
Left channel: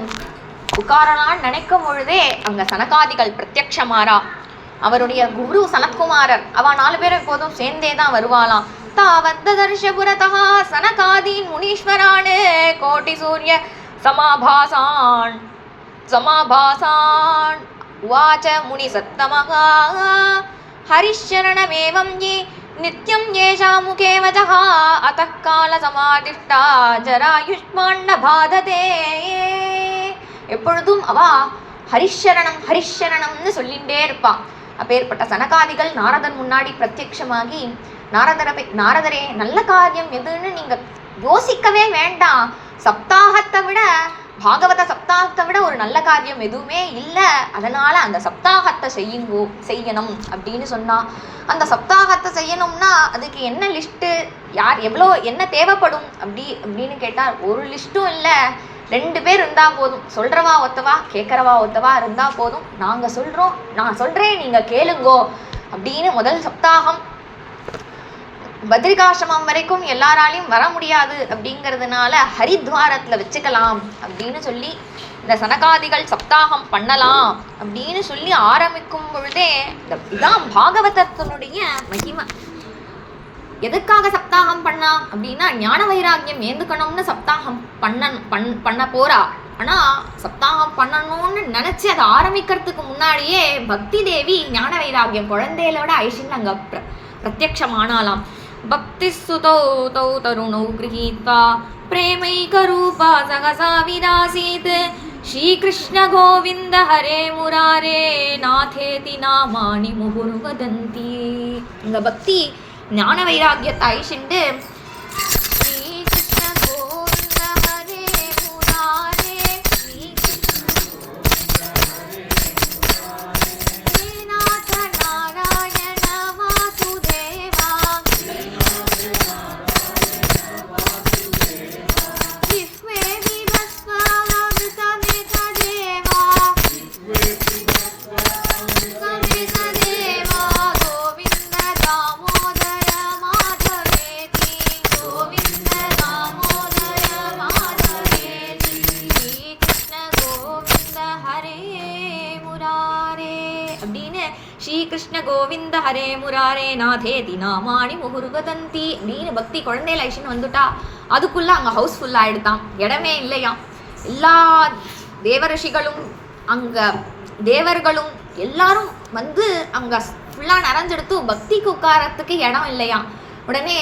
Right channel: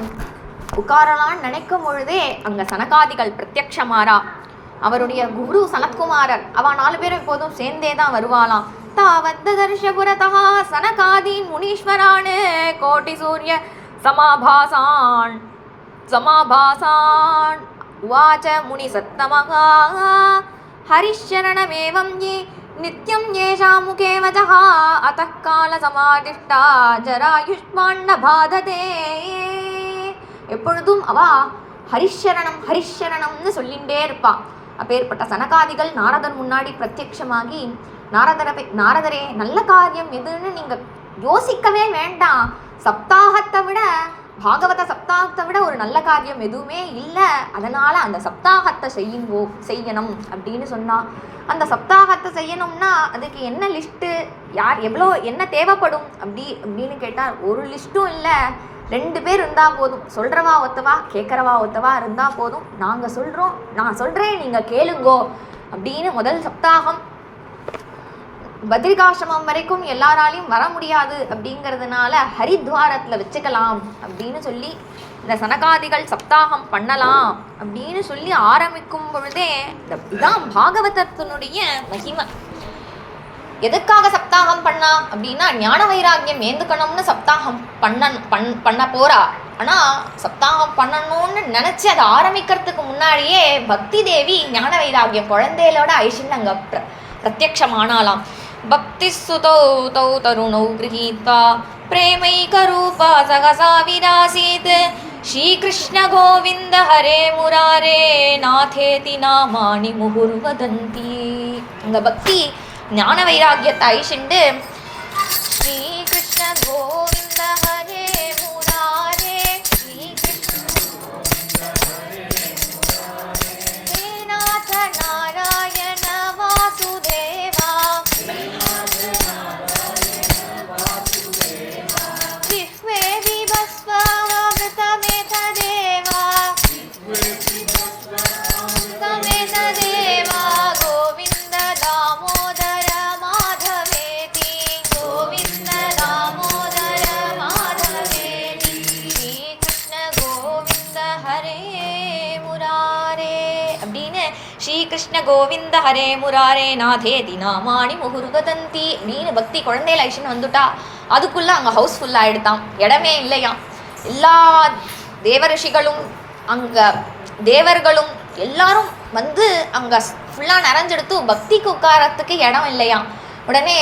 உட்காரலான்னு நினைக்கும் பொழுதே அங்க சனகாதிகள் பிரத்யக்ஷமாரா. அவருடைய குரு சனத்குமாரர், அவ 4 பேரும் எப்போதும் சேர்ந்தே தான் வருவாளாம். தாவத்ததர்ஷபுரதா சனகாதீன் முனீஸ்வரான் கோட்டி சூரிய சமாபாசான் சமாபாசான் உவாச்ச முனி சத்தமகா ஹரிஷரணமேவம் யே நித்யம் ஏஷா முகே வஜஹா அத்தः கால சமாதிஷ்டா ஜராயுஷ்மான்ன பாததே. எப்பொழுதும் அவ ஹரிஷரணம் ஹரிஷரணம்னு சொல்லிகிட்டே இருப்பா. அப்பேற்பட்ட சனகாதிகள் நாரதர் முன்னாடி பிரத்யக்ஷமாகி, நாரதரே நல்ல காரியம் எதுன்னு நீங்க யோசிக்கவே வேண்டாம், சப்தாகத்தை விட பாகவத சப்தாகத்தை விட ஒரு நல்ல காரியம் எதுவுமே இல்லை, அதனால அந்த சப்தாகத்தை செய்யணும் அப்படின்னு சொன்னா. அந்த சப்தாகத்தை செய்யணும்னா அதுக்கு என்ன லிஸ்ட்டு, யார் எவ்வளோ என்ன தேவைப்படும் அப்படின்னு கேட்டால் ஒரு லிஸ்ட்டும் இல்லை. 2 பேர் இருந்தால் போதும், சொல்கிறவா ஒத்தவா கேட்குறவா ஒத்தவா இருந்தால் போதும். நாங்கள் சொல்கிறோம், நான் சொல்கிறேன், நீங்கள் கேளுங்கோ அப்படின்னு முதல் சப்தாகம் பத்ரிகாசிரமம் வரைக்கும் எல்லாராலையும் வர முடியாது அப்படிங்கிறதுனால ஹரித்வாரத்தில் வச்சுக்கலாம் அப்படின்னு சொல்லி இந்த சனகாதிகள் சப்தாகம் பண்ணலாம் அப்படின்னு சொல்லி ஆரம்பிக்கும் பொழுதே இதுதான் பாகவதத்தினுடைய மகிமை. எதுக்காக சப்தாகம் பண்ணா அப்படின்னா ஞான வைராக்கியம் ஏந்துக்கணும்னு சப்தாகம் பண்ண போறா. ஆனால் சப்தாகம் பண்ணணும்னு நினச்சி அதை ஆரம்பிக்கிறதுக்கு முன்னாடியே பக்தி தேவி ஞான வைராக்கியம் குழந்தைகளோட ஐஷன் அங்கே பிரத்யக்ஷமானாலாம். பக்தி சுதௌ தௌ தருணௌ கிரஹீதா பிரேமைகரூபா சகசா விராசீத் ஸ்ரீகிருஷ்ண கோவிந்த ஹரே முராரே நாதேதி நாமானி முகுர்வதந்தி. இந்த பக்தி ஞான வைராக்கியத்தை ஐஷிண்டு ஸ்ரீகிருஷ்ண கோவிந்த ஹரே முராரே ஹே நாத நாராயண வாசுதேவா ஜிஹ்வே விபஸ்வாமிருதமேத தேவா சமேத தேவா கோவிந்த தாமோதர மாதவேதி கோவிந்த தாமோதர மாதவேதி ஸ்ரீகிருஷ்ண கோவிந்த ஹரே முராரே அப்படின்னு ஸ்ரீகிருஷ்ண கோவிந்த ஹரே முராரே நாதேதி நாமானி முகுர்வதந்தி அப்படின்னு பக்தி குழந்தையில ஐஷன் வந்துட்டா. அதுக்குள்ள அங்கே ஹவுஸ்ஃபுல் ஆகிடுதான், இடமே இல்லையாம். எல்லா தேவரிஷிகளும் அங்கே தேவர்களும் எல்லாரும் வந்து அங்கே ஃபுல்லாக நிறைஞ்செடுத்து பக்திக்கு உட்காரத்துக்கு இடம் இல்லையாம். உடனே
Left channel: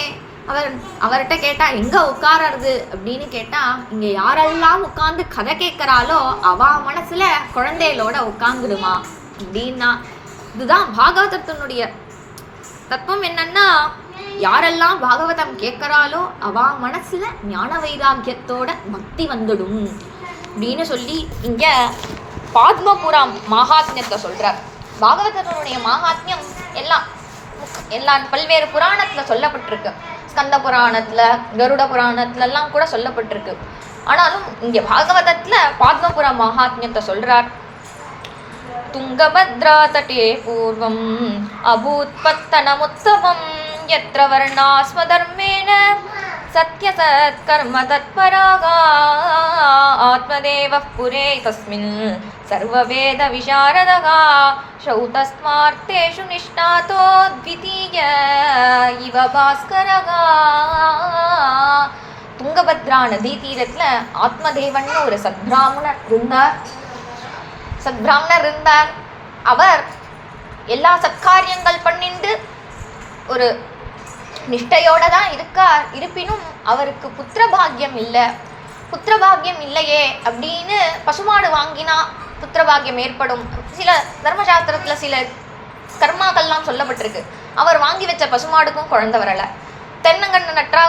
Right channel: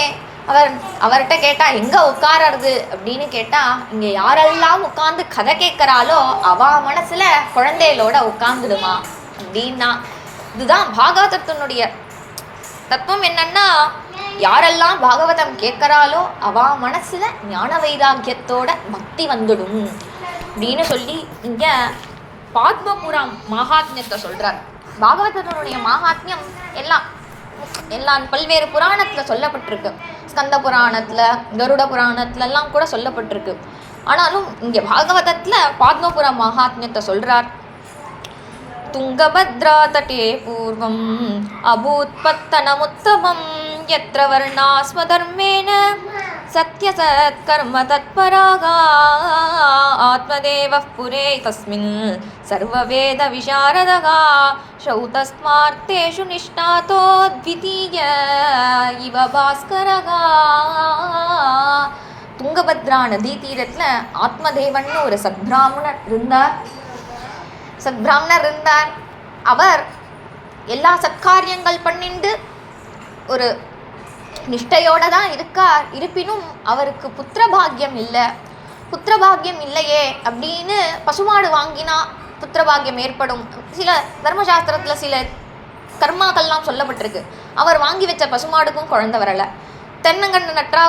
அவர்கிட்ட கேட்டா எங்கே உட்காரறது அப்படின்னு கேட்டால் இங்கே யாரெல்லாம் உட்காந்து கதை கேட்குறாளோ அவள் மனசில் குழந்தைகளோட உட்காந்துடுமா அப்படின்னா. இதுதான் பாகவதத்தினுடைய தத்துவம். என்னன்னா யாரெல்லாம் பாகவதம் கேட்குறாளோ அவ மனசுல ஞான வைராக்கியத்தோட பக்தி வந்துடும் அப்படின்னு சொல்லி இங்க பாத்மபுரம் மகாத்மியத்தை சொல்றார். பாகவதனுடைய மகாத்மியம் எல்லாம் பல்வேறு புராணத்துல சொல்லப்பட்டிருக்கு. ஸ்கந்த புராணத்துல கருட புராணத்துலலாம் கூட சொல்லப்பட்டிருக்கு. ஆனாலும் இங்க பாகவதத்துல பாத்மபுரம் மகாத்மியத்தை சொல்றார். துங்கபத்ரா தட்டே பூர்வம் அபூத்பத்தனமுத்தமம் யத்ர வர்ணாஸ்மதர்மேன சத்யசத்கர்ம தத்பராக ஆத்மதேவ புரே தஸ்மின் சர்வவேத விசாரதக ஸ்ரௌதஸ்மார்த்தேஷு நிஷ்ணாதோ த்விதீய இவ பாஸ்கரக. துங்கபத்ரா நதி தீரத்தில் ஆத்மதேவன் ஒரு சத்பிராமணர் இருந்தார். அவர் எல்லா சத்காரியங்கள் பண்ணிட்டு ஒரு நிஷ்டையோட தான் இருக்கார். இருப்பினும் அவருக்கு புத்திரபாகியம் இல்லையே அப்படின்னு பசுமாடு வாங்கினா புத்திரபாகியம் ஏற்படும். சில தர்மசாஸ்திரத்தில் சில கர்மாக்கள்லாம் சொல்லப்பட்டிருக்கு. அவர் வாங்கி வச்ச பசுமாடுக்கும் குழந்தை வரலை. தென்னங்கன்று நட்டா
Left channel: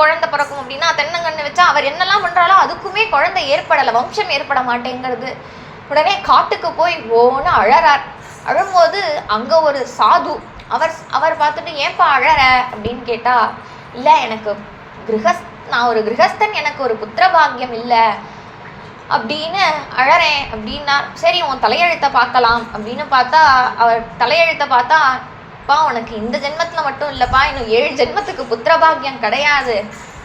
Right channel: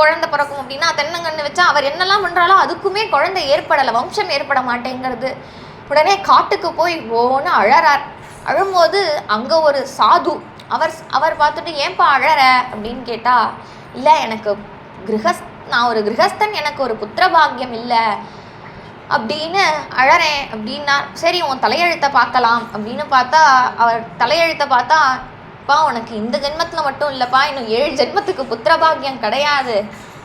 குழந்தை பிறக்கும் அப்படின்னா தென்னங்கன்று வச்சா அவர் என்னெல்லாம் பண்ணுறாலோ அதுக்குமே குழந்தை ஏற்படலை, வம்சம் ஏற்பட மாட்டேங்கிறது. உடனே காட்டுக்கு போய் ஓன்னு அழறார். அழும்போது அங்கே ஒரு சாது அவர் அவர் பார்த்துட்டு ஏன்பா அழற அப்படின்னு கேட்டா, இல்லை எனக்கு நான் ஒரு கிரகஸ்தன், எனக்கு ஒரு புத்திரபாகியம் இல்லை அப்படின்னு அழறேன் அப்படின்னா. சரி உன் தலையெழுத்தை பார்க்கலாம் அப்படின்னு பார்த்தா, அவர் தலையெழுத்தை பார்த்தா, பா உனக்கு இந்த ஜென்மத்தில் மட்டும் இல்லைப்பா, இன்னும் 7 ஜென்மத்துக்கு புத்திரபாகியம் கிடையாது.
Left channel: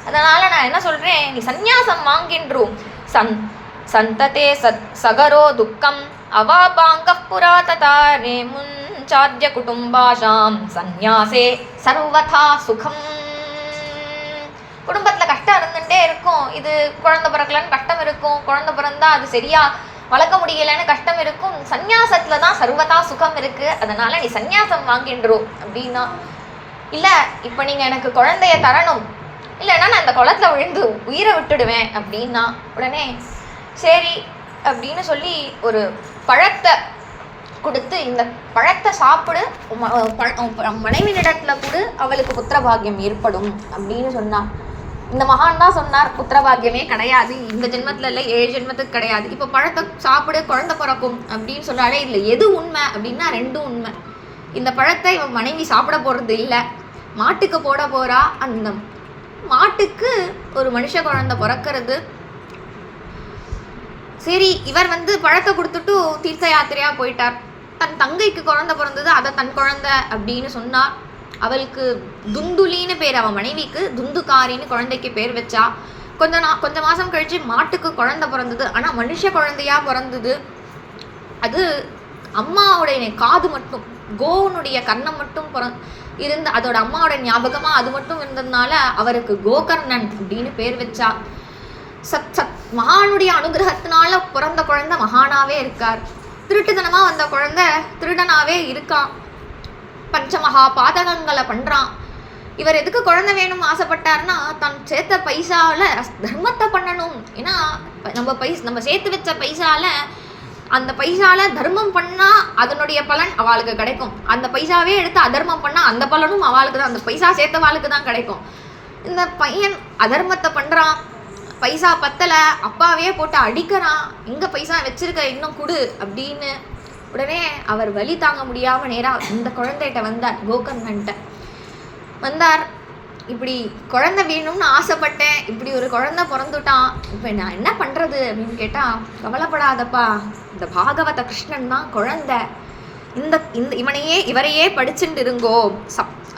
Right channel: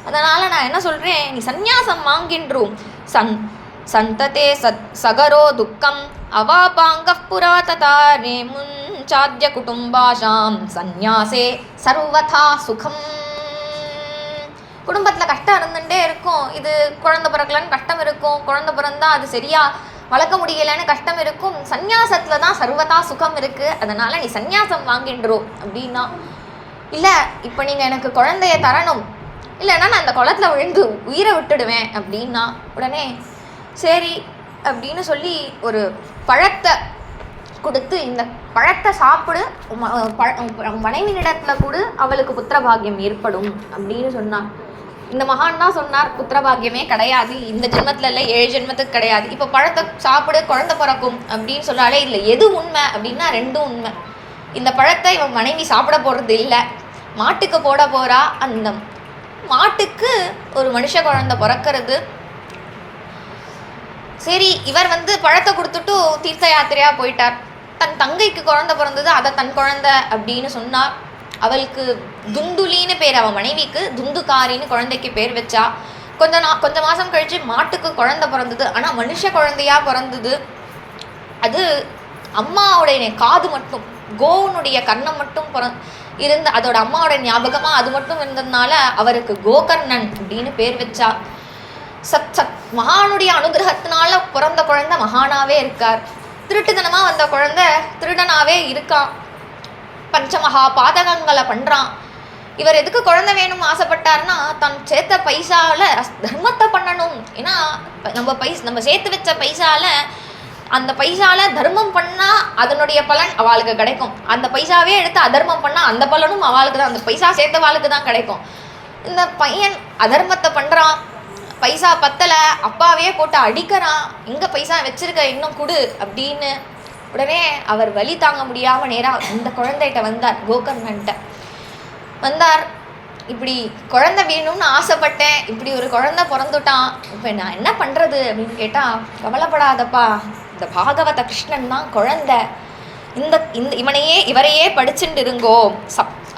அதனால் நான் என்ன சொல்கிறேன், நீ சந்நியாசம் வாங்கின்றும் சந்ததே சகரோ துக்கம் அவாபாங்க புரா ததாரே முன்சாத்திய குடும்பாஷாம் சந்நியாசே சர்வதா சுகம். குடும்பத்தில் கஷ்டம் இருந்துகிட்டே இருக்கும். இது குழந்தை பிறக்கலன்னு கஷ்டம் இருக்கும், குழந்தை பிறந்தா அது சரியாக வளர்க்க முடியலைன்னு கஷ்டம் இருக்கும். சந்நியாசத்தில் தான் சர்வதா சுகம் இருக்குது, அதனால் நீ சந்நியாசம் வாங்கின்றோம் அப்படின்னா. இல்லை இப்போ நீங்கள் எனக்கு குழந்தைய தரணும், இல்லைன்னா நான் அந்த குளத்தில் விழுந்து உயிரை விட்டுடுவேன் அப்படின்னா. உடனே சரி அப்படின்னு சொல்லி ஒரு பழத்தை கொடுத்து, இந்த பழத்தை சாப்பிடு, மனைவியிடத்தில் கூட அவளுக்கு புத்திரபாகியம் ஏற்படும் அப்படின்னு சொன்னார். இந்த மகான் தான் சொன்னார், புத்திரபாகியமே கிடையாது, இந்த ஜென்மத்தில் இல்லை 7 ஜென்மத்துக்கு கிடையாது. இப்போ பழத்தை சாப்பிடு குழந்தை பிறக்கும் அப்படின்னு சொன்னாலே இல்லை, எது உண்மை அப்படின்னா 2ம் உண்மை. இந்த பழத்தை இவன் மனைவி சாப்பிட போகிறது இல்லை, மாட்டுக்கு போட போகிறா. அந்த மாட்டுக்கு ஒரு மனுஷ குழந்தை பிறக்கிறது. சரி இவர் பழத்தை கொடுத்துட்டு தீர்த்த யாத்திரையாக போயிட்டார். தன் தங்கைக்கு குழந்தை பிறந்தது, அதை தன் குழந்தை அப்படின்னு சொன்னார். அவளுக்கு துந்துலின்னு பேர், அவன் மனைவிக்கு துந்துகாரின்னு குழந்தைக்கு பேர் வச்சா. கொஞ்ச மாதம் கழித்து மாட்டுக்கு குழந்தை பிறந்தது, ஆனால் மனுஷ குழந்தையாக பிறந்தது. அது அம்மாவுடைய காது மட்டும், கோனுடைய கர்ணம் மட்டும் இருந்து அதோட அம்மாவோட ஞாபகமாக அது மட்டும் இருந்ததுனால அவருக்கு கோகர்ணன் அப்படின்னு பேர் வச்சா. மகானுடைய அனுகிரகத்தினால பிறந்த குழந்தை மகானாவே இருக்கார். திருட்டுத்தனமாக வந்த குழந்தை திருடனாவே இருக்கான், பஞ்சமகா பாதகங்களை பண்ணுறான். இவர் எதுக்கு குழந்தை வேணும்னு ஆசைப்பட்டார்னா, தான் சேர்த்த பைசாவில் தர்மத்தை பண்ணணும். ஏன்னா நம்ம சேர்த்து வச்ச பைசாவில், அந்த பைசாவில் தர்மம் பண்ணால் அதனுடைய பலன் அவளுக்கு கிடைக்கும். அந்த பைசாவே எடுத்து அதர்மம் பண்ணால் அந்த பலனும் அவளுக்கு தான், அந்த பைசா சேர்த்தவாளுக்கு தான் கிடைக்கும். இந்த பையன் அதர்மத்தை பண்ணுறான், பைசா பத்தலை, அப்பாவே போட்டு அடிக்கிறான், எங்கே பைசா வச்சிருக்க இன்னும் கொடு அப்படின்னு. உடனே அவர் வலி தாங்க முடியாமல் நேராக இந்த குழந்தைகிட்ட வந்தார், கோகர்ணன்ட்ட வந்தார். இப்படி குழந்தை வேணும்னு ஆசைப்பட்டேன், இப்படி ஒரு குழந்தை பிறந்துட்டான், இப்போ நான் என்ன பண்ணுறது அப்படின்னு கேட்டால், கவலைப்படாதப்பா, இந்த பாகவத கிருஷ்ணன் தான் குழந்தை, இவரையே படிச்சுட்டு இருங்கோ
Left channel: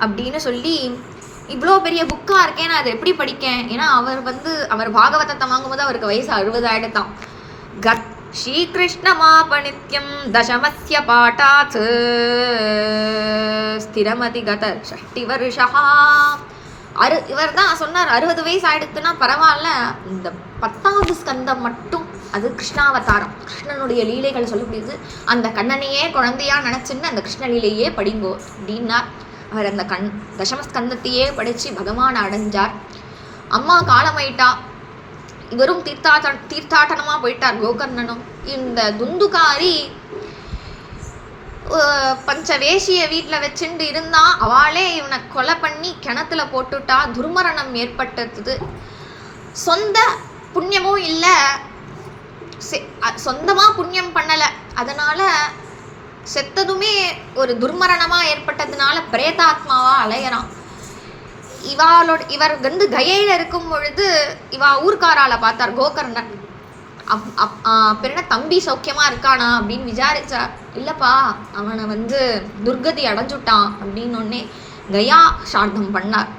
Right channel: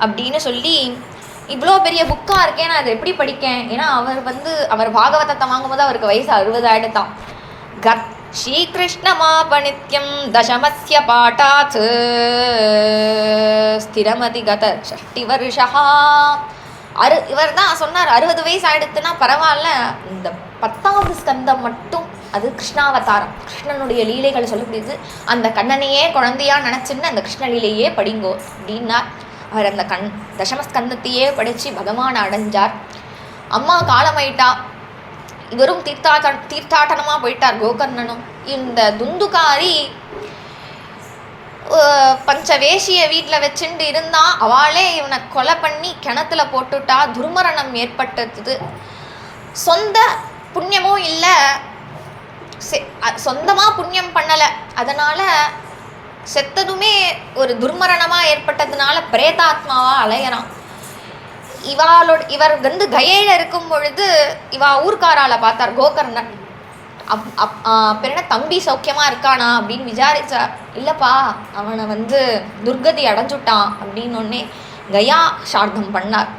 அப்படின்னு சொல்லி, இவ்வளோ பெரிய புக்காக இருக்கேன், நான் அதை எப்படி படிக்கேன்? ஏன்னா அவர் பாகவதத்தை வாங்கும்போது அவருக்கு வயசு 60 ஆயிடுதான். கத் ஸ்ரீகிருஷ்ணமாபணித்யம் தசமஸ்ய பாட்டாத் ஸ்திரமதி கத 60 வருஷா. இவர் தான் சொன்னார் 60 வயசு ஆயிடுத்துன்னா பரவாயில்ல, இந்த 10வது ஸ்கந்தம் மட்டும் அது கிருஷ்ணாவதாரம், கிருஷ்ணனுடைய லீலைகள் சொல்லக்கூடியது. அந்த கண்ணனையே குழந்தையாக நினச்சின்னு அந்த கிருஷ்ண லீலையே படிங்கோ அப்படின்னார். அவர் அந்த தசமஸ்கந்தத்தையே படித்து பகவான் அடைஞ்சார். அம்மா காலமாயிட்டா, இவரும் தீர்த்தாட்டனமாக போயிட்டார் கோகர்ணனும். இந்த துந்துகாரி பஞ்சவேஷிய வீட்டில் வச்சுட்டு இருந்தான், அவளே இவனை கொலை பண்ணி கிணத்துல போட்டுட்டா, துர்மரணம் ஏற்பட்டது. சொந்த புண்ணியமும் இல்லை, சொந்தமாக புண்ணியம் பண்ணலை, அதனால் செத்ததுமே ஒரு துர்மரணமாக ஏற்பட்டதுனால பிரேதாத்மாவாக அலையறான். இவர் கயையில் இருக்கும் பொழுது இவா ஊர்க்காரால் பார்த்தார் கோகர்ணன். பிறகு தம்பி சௌக்கியமாக இருக்கானா அப்படின்னு விசாரிச்சார். இல்லைப்பா, அவனை துர்கதி அடைஞ்சுட்டான் அப்படின்னு ஒன்னே கயா சார்த்தம் பண்ணார்,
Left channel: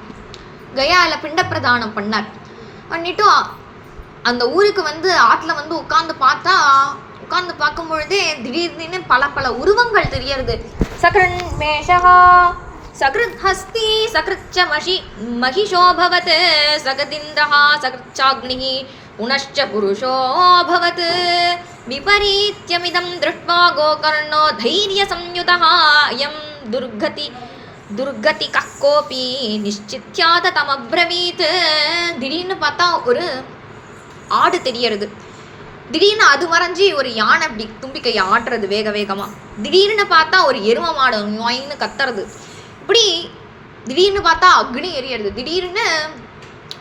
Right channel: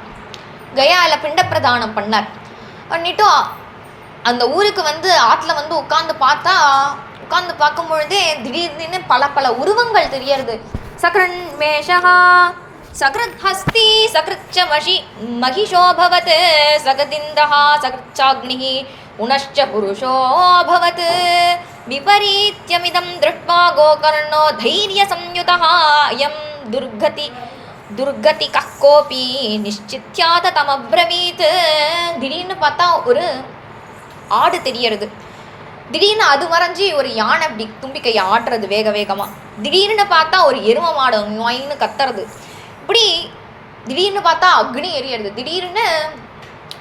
கயாவில் பிண்ட பிரதானம் பண்ணார். பண்ணிட்டும் அந்த ஊருக்கு ஆற்றுல உட்காந்து பார்க்கும் பொழுதே திடீர்னு பல உருவங்கள் தெரியறது. சக்ரன் மேஷகா சக்ருத் ஹஸ்தி சக்ருச்ச மகிஷோபவத் சகதிந்தஹா சக்ருச்சாக்னிஹி உனஷ்ச புருஷோபவத் விபரீத்யமிதம் திருஷ்ட்வா கோகர்ணோ தைரிய சம்யுதஹ அயம் துர்கதி கக்கோபி நிச்சித்யாத தமப்ரவீத். திடீர்னு பார்த்தா ஒரு ஆடு தெரியறது. திடீர்னு அது மறைஞ்சி ஒரு யானை அப்படி தும்பிக்கையை ஆட்டுறது வேகமாக. திடீர்னு பார்த்தா ஒரு எரும மாடு நோயின்னு கத்துறது. இப்படி திடீர்னு பார்த்தா அக்னி எரியறது. திடீர்னு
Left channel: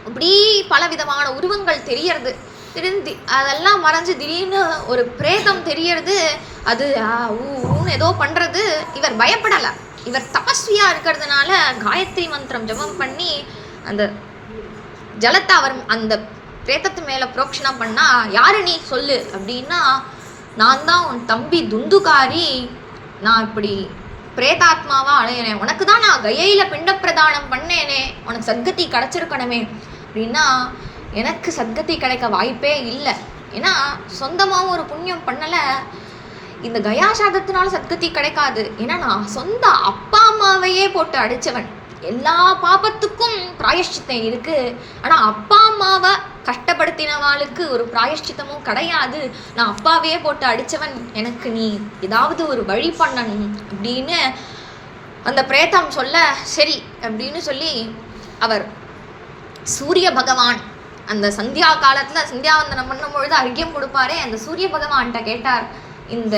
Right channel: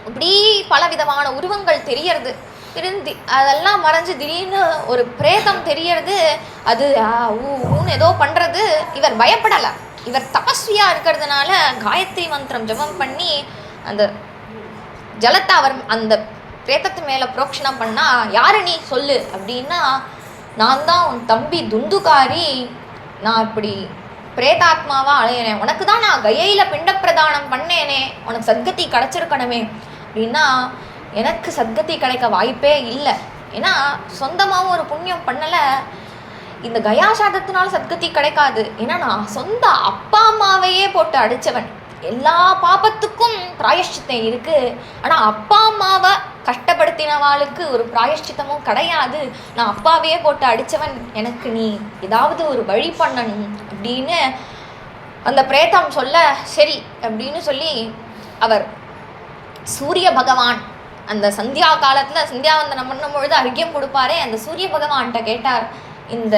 இப்படி பலவிதமான உருவங்கள் தெரியறது. திடீர்னு அதெல்லாம் மறைஞ்சு திடீர்னு ஒரு பிரேதம் தெரியறது. அது ஊன்னு ஏதோ பண்ணுறது. இவர் பயப்படலை. இவர் தபஸ்வியாக இருக்கிறதுனால காயத்ரி மந்திரம் ஜபம் பண்ணி அந்த ஜலத்தை அவர் அந்த பிரேத்தத்து மேலே புரோக்ஷணம் பண்ணா, யாரு நீ சொல்லு அப்படின்னா, நான் தான் உன் தம்பி துந்துகாரி, நான் இப்படி பிரேதாத்மாவா அழையினேன், உனக்கு தான் நான் கயையில் பிண்ட பிரதானம் பண்ணேனே, உனக்கு சத்கதி கிடைச்சிருக்கணுமே அப்படின்னா, எனக்கு சத்கதி கிடைக்க வாய்ப்பே இல்லை. ஏன்னா சொந்தமாகவும் ஒரு புண்ணியம் பண்ணலை, இந்த கயாசாதத்தினால சத்கதி கிடைக்காது. ஏன்னா நான் சொந்த அப்பா அம்மாவையே போட்டு அடித்தவன், எல்லா பாபத்துக்கும் பிராயஷ்சித்தம் இருக்குது. ஆனால் அப்பா அம்மாவை கஷ்டப்படுத்தினவாளுக்கு ஒரு பிராயஷ்சித்தமும் கிடையாது. நான் அப்பாவையே போட்டு அடித்தவன், எனக்கு நீ ஏதாவது ஒரு வழி பண்ணணும் அப்படின்னு அந்த பிரேதம் சொல்ல, சரி அப்படின்னு சொல்லி அவர் சூரிய பகவான் அந்த சந்தியா காலத்தில் சந்தியாவந்தனம் பண்ணும்பொழுது அர்க்கியம் கொடுப்பாரே, அந்த சூரிய பகவான்கிட்ட கேட்டார், இந்த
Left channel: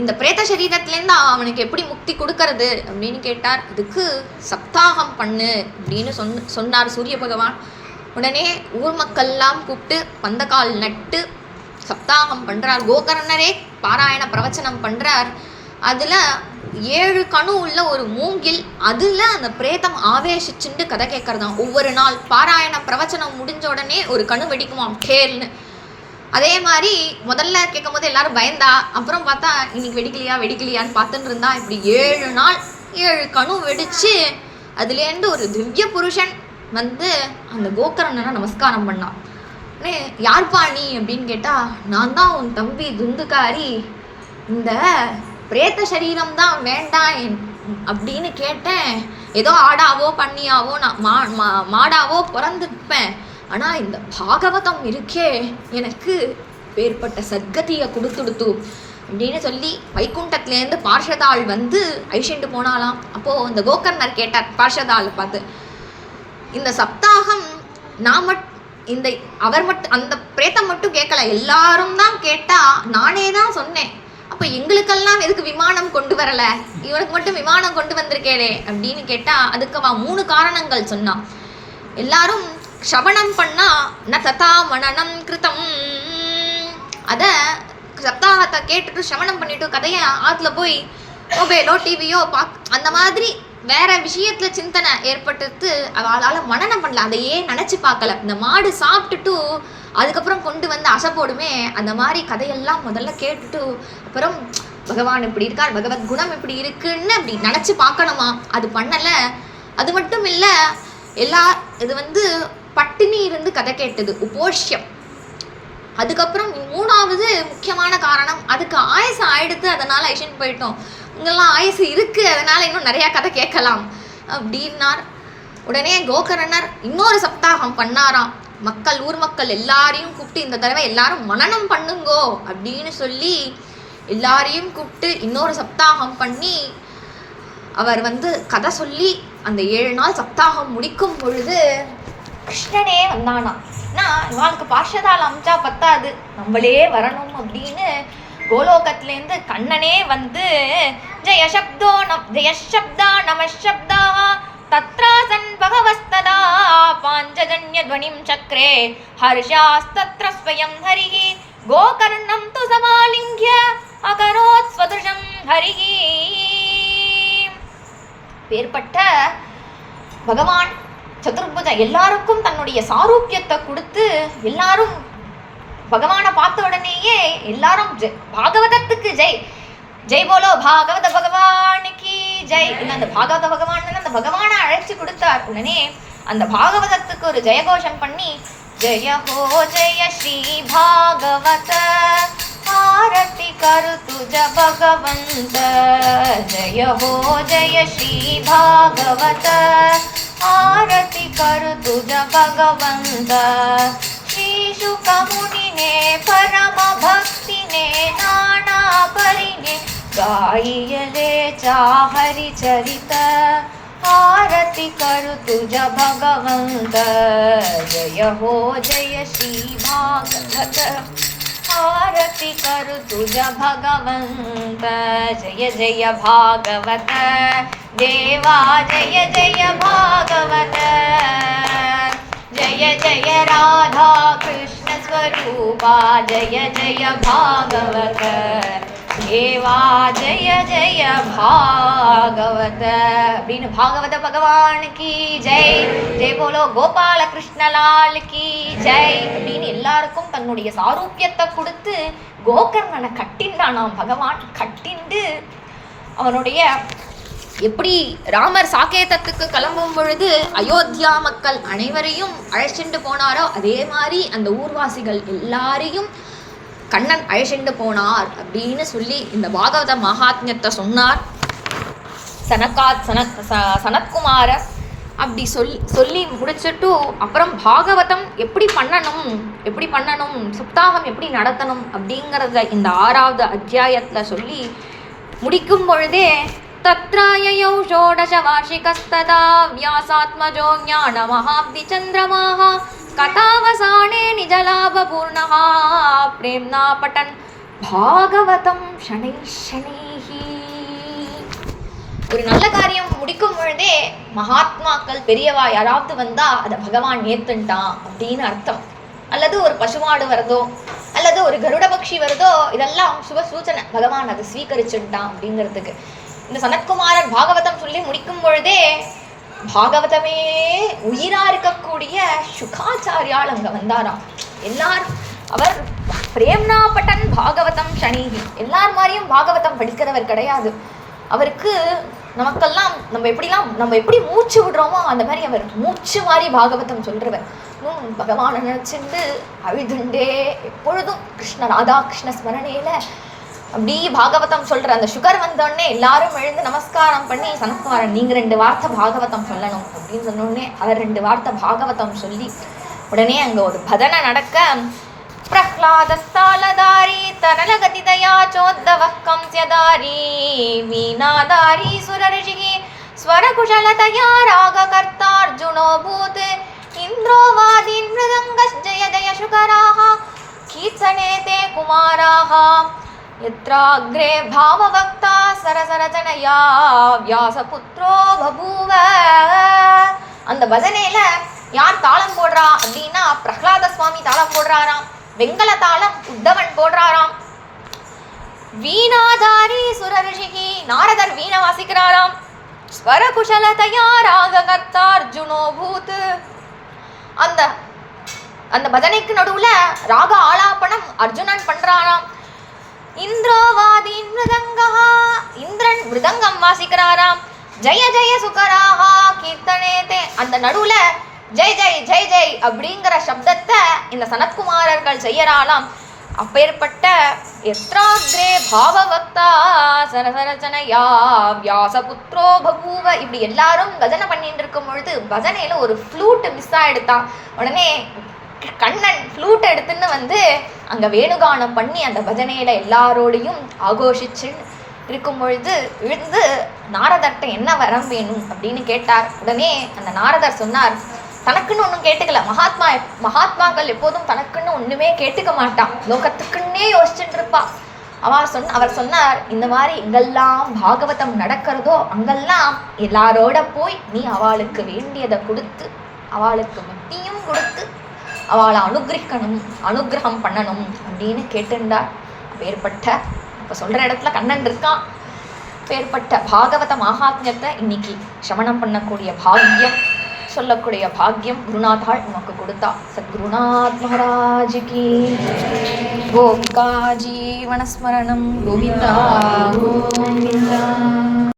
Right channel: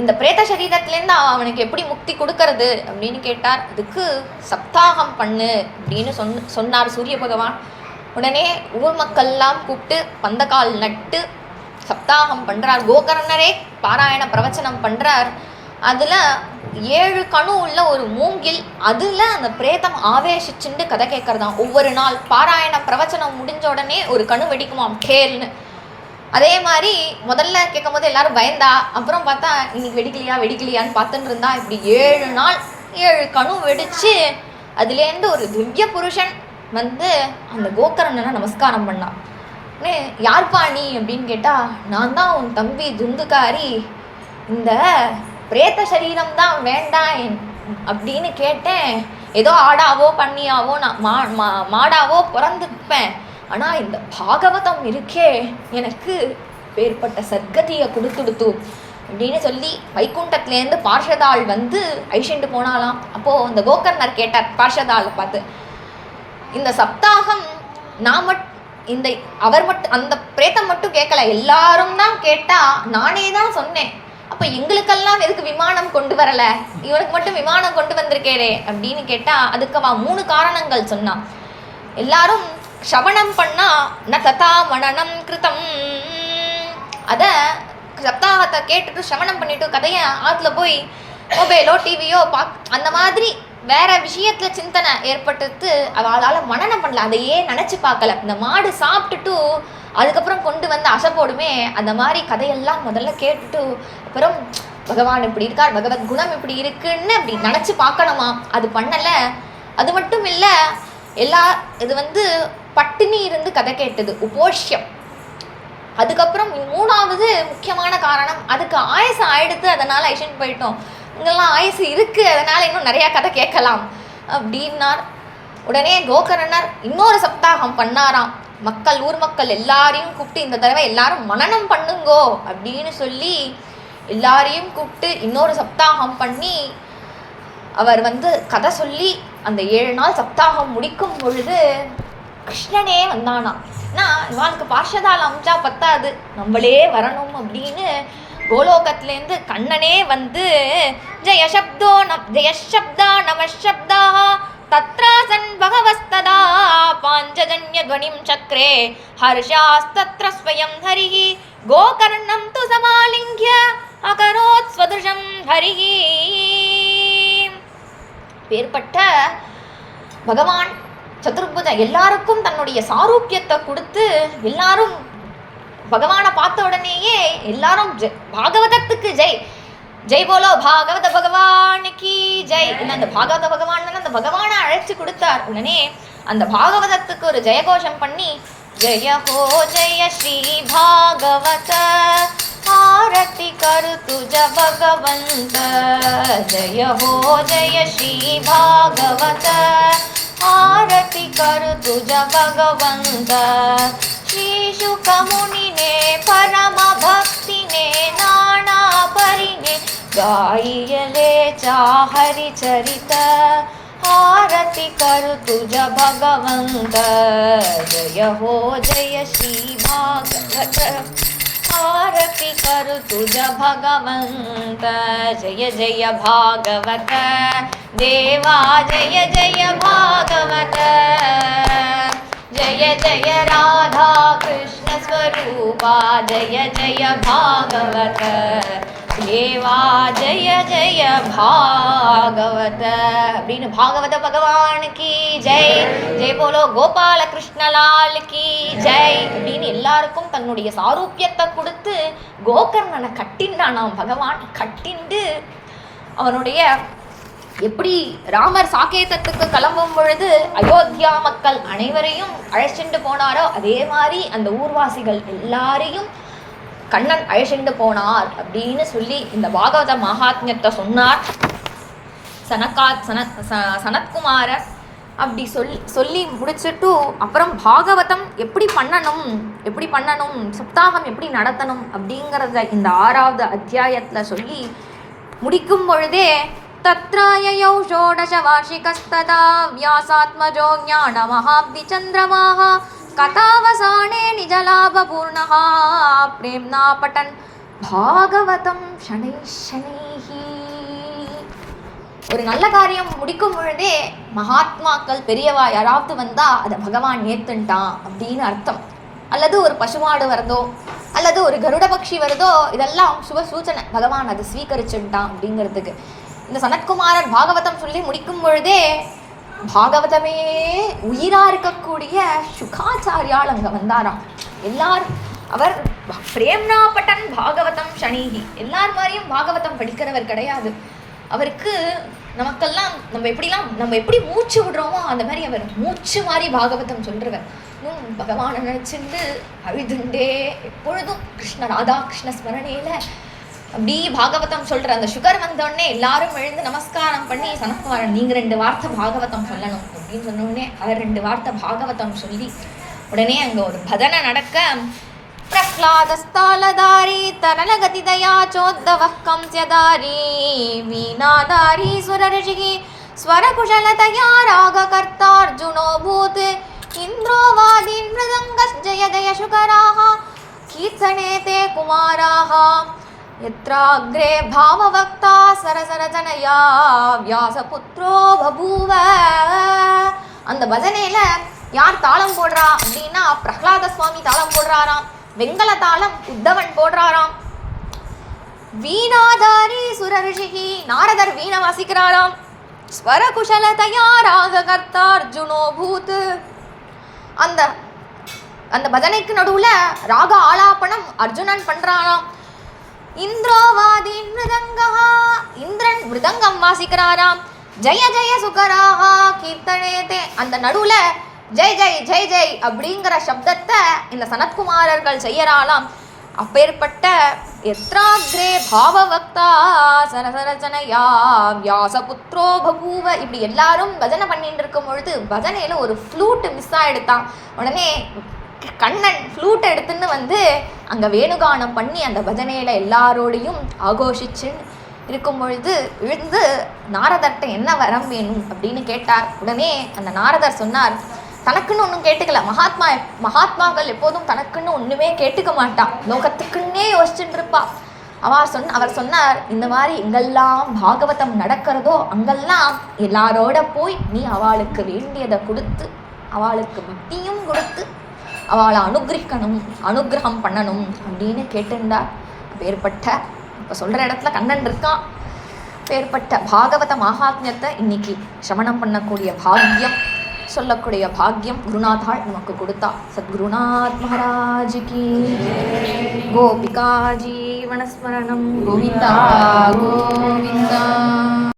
இந்த பிரேத சரீரத்துலேருந்து அவனுக்கு எப்படி முக்தி கொடுக்கறது அப்படின்னு கேட்டார். அதுக்கு சப்தாகம் பண்ணு அப்படின்னு சொன்னார் சூரிய பகவான். உடனே ஊர் மக்கள்லாம் கூப்பிட்டு பந்தக்கால் நட்டு சப்தாகம் பண்ணுறார். கோகர்ணரே பாராயண பிரவச்சனம் பண்ணுறார். அதில் 7 கணு உள்ள ஒரு மூங்கில், அதில் அந்த பிரேதம் ஆவேசிச்சுண்டு கதை கேட்கறதான். ஒவ்வொரு நாள் பாராயண பிரவச்சனம் முடிஞ்ச உடனே ஒரு கணு வெடிக்குமாம் டேல்னு. அதே மாதிரி முதல்ல கேட்கும் போது எல்லாரும் பயந்தா, அப்புறம் பார்த்தா இன்னைக்கு வெடிக்கலையான்னு பார்த்துட்டு இருந்தா. இப்படி 7 நாள் 7 கணு வெடிச்சு அதுலேருந்து ஒரு திவ்ய புருஷன் வந்து அந்த கோகர்ணனை நமஸ்காரம் பண்ணான். யார்ப்பா நீ அப்படின்னு கேட்டா, நான் தான் உன் தம்பி துந்துகாரி, இந்த பிரேத்த சரீரம் தான் வேண்டாம் அப்படின்னு கேட்டேன். ஏதோ ஆடாவோ பண்ணியாவோ நான் மாடாவோ பிறந்துப்பேன், ஆனால் இந்த பாகவதம் இருக்கே எனக்கு ஏற்பட்ட சத்கதியை கொடுத்துடுத்து அப்படின்னு சொல்லி வைகுண்டத்துலேருந்து பார்ஷதாள் வந்து ஐஷண்டு போனாலாம். அப்போது அந்த கோகர்ணர் கேட்டார் பார்ஷதாளை பார்த்து, இந்த சப்தாகம் நான் இந்த அவர் மட்டும் அந்த பிரேத்தம் மட்டும் கேட்கல, எல்லாரும் தான் கேட்டா, நானே தான் சொன்னேன், அப்போ எங்களுக்கெல்லாம் எதுக்கு விமானம் கொண்டு வரலை, இவனுக்கு மட்டும் விமானம் கொண்டு வந்திருக்கேரே அப்படின்னு கேட்டால் அதுக்கு அவன் 3 காரணங்கள் சொன்னான். எல்லாரும் சவணம் பண்ணா ந ததா மனனம் கிருத்தம், அதை சப்தாகத்தை கேட்டுட்டு சவணம் பண்ணிட்டு கதையை ஆற்றுல போய் மொபைலோ டிவியோ அந்த மாதிரி வேற விஷயத்துல சிந்தனை ஏற்பட்டு அவளால் மனனம் பண்ணல, அதையே நினச்சி பார்க்கல. இந்த மாடு சாப்பிட்டுட்டு அதுக்கப்புறம் கொண்டு வந்து அசை போடுமே, அந்த மாதிரி கதையெல்லாம் முதல்ல கேட்டுட்டு அப்புறம் பகவான் இப்படி இருக்கார், பகவத் குணம் இப்படி இருக்குன்னு அப்படி நினச்சி பார்க்கணுமா, அது பண்ணலை. அது மட்டும் இல்லை, இது வந்து பட்டினி இருந்து கதை கேட்டது உபோஷ்யம். அதுக்கப்புறம் 3வது முக்கியமான காரணம், அதுக்கு ஆயுசு ஆயிடுத்து, அதனால் ஐஷன் போயிட்டோம், இங்கெல்லாம் ஆயுசு இருக்குது, அதனால் இன்னும் நிறையா கதை கேட்கலாம் அப்படின்னார். உடனே கோகர்ணர் இன்னொரு சப்தாகம் பண்ணாராம். ஊர் மக்கள் எல்லாரையும் கூப்பிட்டு, இந்த தடவை எல்லாரும் மனனம் பண்ணுங்கோ அப்படின்னு சொல்லி எல்லாரையும் கூப்பிட்டு இன்னொரு சப்தாகம் பண்ணி அவர் வந்து கதை சொல்லி அந்த 7 நாள் சப்தாகம் முடிக்கும் பொழுது கிருஷ்ணனே வந்தானா. இவாளுக்கு பார்ஷதால் அமிச்சா பத்தாது, நம்மளே வரணும் அப்படின்னு கோலோகத்திலேருந்து கண்ணனே வந்து ஜெயசப்தா நமசப்தா தத்ராசன் பகவஸ்ததா பாஞ்சஜன்ய துவனிம் சக்ரே ஹர்ஷாஸ்தத்ர ஸ்வயம் ஹரிஹி கோகர்ணம் து சமாலிங்க்ய அகரோத் ஸ்வதுஷம் ஹரிஹி. பேர்பட்ட பகவான் சதுர்புஜ எல்லாருக்கும் தன்னுடைய சாரூபியத்தை கொடுத்து எல்லாரும் பகவானை பார்த்த உடனேயே எல்லாரும் பாகவதத்துக்கு ஜெய் ஜெய் போலோ பாகவத பகவானுக்கு ஜெய். அந்த பாகவத பகவான் அந்த பகவானை அழைச்சி கொடுத்தார். உடனே அந்த பாகவதத்துக்கு ஒரு ஜெயகோஷம் பண்ணி ஜெய ஹோ ஜெய ஸ்ரீ பாகவத ஆரத்தி கரு துஜ பகவந்த, ஜெய ஹோ ஜெய ஸ்ரீ பாகவத ஆரத்தி கரு துஜ பகவந்த, ஸ்ரீ சுக முனினே பரம பக்தினே நானா பரினே गाइले हरि चरित आरती करु तुझ भगवंत। जय हो जय श्री भागवत आरती करु तुझ भगवंत। जय जय भागवत देवा जय जय भागवत। जय जय राधा कृष्ण स्वरूपा जय जय भागवत। தேவா ஜெய ஜெய பாகவத அப்படின்னு பாகவத பகவானுக்கு ஜெய், ஜெய் போலோ கோபால கிருஷ்ணலால் கி ஜெய் அப்படின்னு எல்லாருக்கும் தன்னுடைய சாரூபியத்தை கொடுத்து கோகர்ணனை கட்டின்றானாம் பகவான். கட்டிண்டு அவனுடைய எப்படி ராமர் சாகேதத்துக்கு கிளம்பும் பொழுது அயோத்தியா மக்கள் அனைவரையும் அழைச்சிட்டு போனாரோ அதே மாதிரி அந்த ஊர்வாசிகள் எல்லாரையும் கண்ணன் அழைச்சிட்டு போனார் அப்படின்னு சொல்லி இந்த பாகவத மகாத்மியத்தை சொன்னார் சனத்குமாரர். அப்படி சொல்லி முடிச்சுட்டு அப்புறம் பாகவதம் எப்படி பண்ணணும் சப்தாகம் எப்படி நடத்தணும் அப்படிங்கிறத இந்த 6வது அத்தியாயத்தில் சொல்லி முடிக்கும் பொழுதே தத்ராயயௌ ஷோடச வார்ஷிகஸ்ததா வியாசாத்மஜோ ஞான மகாப்தி சந்திரமாஹ கதாவசானே நிஜலாபபூர்ணஹ பிரேம்னா பட்டன் பாகவதம் ஷனை ஷனைஹி. ஒரு நல்ல காரியம் முடிக்கும் பொழுதே மகாத்மாக்கள் பெரியவா யாராவது வந்தா அதை பகவான் ஏத்துட்டான் அப்படின்னு அர்த்தம். அல்லது ஒரு பசுமாடு வருதோ அல்லது ஒரு கருட பக்ஷி வருதோ இதெல்லாம் சுப சூச்சனை, பகவான் அதை ஸ்வீகரிச்சுட்டான் அப்படிங்கிறதுக்கு. இந்த சனத்குமாரர் பாகவதம் சொல்லி முடிக்கும் பொழுதே பாகவதமே உயிரா இருக்கக்கூடிய சுகாச்சாரியால் அங்க வந்தாராம். எல்லாரும் அவர் பிரேம்னா பட்டன் பாகவதம் ஷனீகி, எல்லார் மாதிரியும் பாகவதம் படிக்கிறவர் கிடையாது. அவருக்கு நமக்கெல்லாம் நம்ம எப்படி மூச்சு விடுறோமோ அந்த மாதிரி அவர் மூச்சு மாதிரி பாகவதம் சொல்றவர். பகவானை நினைச்சுண்டு அழுதுண்டே எப்பொழுதும் ராதா கிருஷ்ண ஸ்மரணையில அப்படி பாகவதம் சொல்ற அந்த சுகர் வந்தோடனே எல்லாரும் எழுந்து நமஸ்காரம் பண்ணி சனத்குமாரன் நீங்க 2 வார்த்தை பாகவதம் சொல்லணும் அப்படின்னு சொன்னோடனே அவர் 2 வார்த்தை பாகவதம் சொல்லி உடனே அங்க ஒரு பஜனை நடக்க பிரஹ்லாதஸ்தாலதாரி தரலகதிதயா சோத்தவः கம்ஸ்யதாரி வீணாதாரி சுரர்ஷிகி ஸ்வரகுஷலதயா ராககர்த்தார்ஜுனோ பூத் இந்திரோ வாதீன் மிருதங்கஸ் ஜய ஜய சுகராः கீர்த்தனே தே குமாராः यत्राग्रे भाववक्ता सरसरजनया व्यासपुत्रो बभूव. அந்த பஜனையில யார் தாளம் போடுறா அப்படின்னா பிரஹ்லாத சுவாமி தாளம் போடுறாராம், வெங்கல தாளம் உத்தவன் போடுறாராம், வீணாதாரி சுரர்ஷிகி நாரதர் வீணை வாசிக்கிறாராம், ஸ்வரகுஷலதயா ராககர்த்தா அர்ஜுனோ பூத். அந்த அந்த பஜனைக்கு நடுவுல ராக ஆலாபனம் அர்ஜுனன் பண்றாராம். இந்திரோவாதீன் மிருதங்கா இந்திரன் மிருதங்கம் வாசிக்கிறாராம். ஜெய ஜெய சுகராஹா கீர்த்தனேதே அந்த நடுவுல ஜெய் ஜெய் ஜெய் ஜெய் அப்படிங்கிற சப்தத்தை இந்த சனத்குமாரர்கள் செய்யறாளாம். அப்பேற்பட்ட எத்ராக்ரே பாவவக்தா சரசரச்சனையா வியாசபுத்ரோ பபூவ இப்படி எல்லாரும் பஜனை பண்ணிட்டு இருக்கும் பொழுது பஜனையில ஒரு ஃப்ளூட் மிஸ் ஆயிடுத்தான். உடனே கண்ணன் ஃப்ளூட் எடுத்துன்னு வந்து அங்கே வேணுகானம் பண்ணி அந்த பஜனையில் எல்லாரோடையும் ஆகோஷிச்சு இருக்கும் பொழுது விழுந்து நாரதர்கிட்ட என்ன வரம் வேணும் அப்படின்னு கேட்டார். உடனே அந்த நாரதர் சொன்னார், தனக்குன்னு ஒன்றும் கேட்டுக்கல. மகாத்மாக்கள் எப்போதும் தனக்குன்னு ஒன்றுமே கேட்டுக்க மாட்டான், லோகத்துக்குன்னே யோசிச்சுட்டு இருப்பா. அவர் சொன்னார், இந்த மாதிரி எங்கெல்லாம் பாகவதம் நடக்கிறதோ அங்கெல்லாம் எல்லாரோட போய் நீ அவளுக்கு வேண்டியதை கொடுத்து அவளுக்கு புத்தியும் கொடுத்து அவளை அனுகிரகம் பண்ணணும் அப்படின்னு கேட்டுண்டார். அப்பேற்பட்ட இப்போ சொல்கிற இடத்துல கண்ணன் இருக்கான். அப்பேற்பட்ட பாகவத மகாத்மியத்தை இன்னைக்கு சமணம் பண்ணக்கூடிய பாக்கியம் சொல்லக்கூடிய பாக்கியம் குருநாதாள் நமக்கு கொடுத்தா. சத்குருநாத் மகாராஜ் கி கோபிகா ஜீவனஸ்மரணம் கோவிந்தா கோவிந்தா.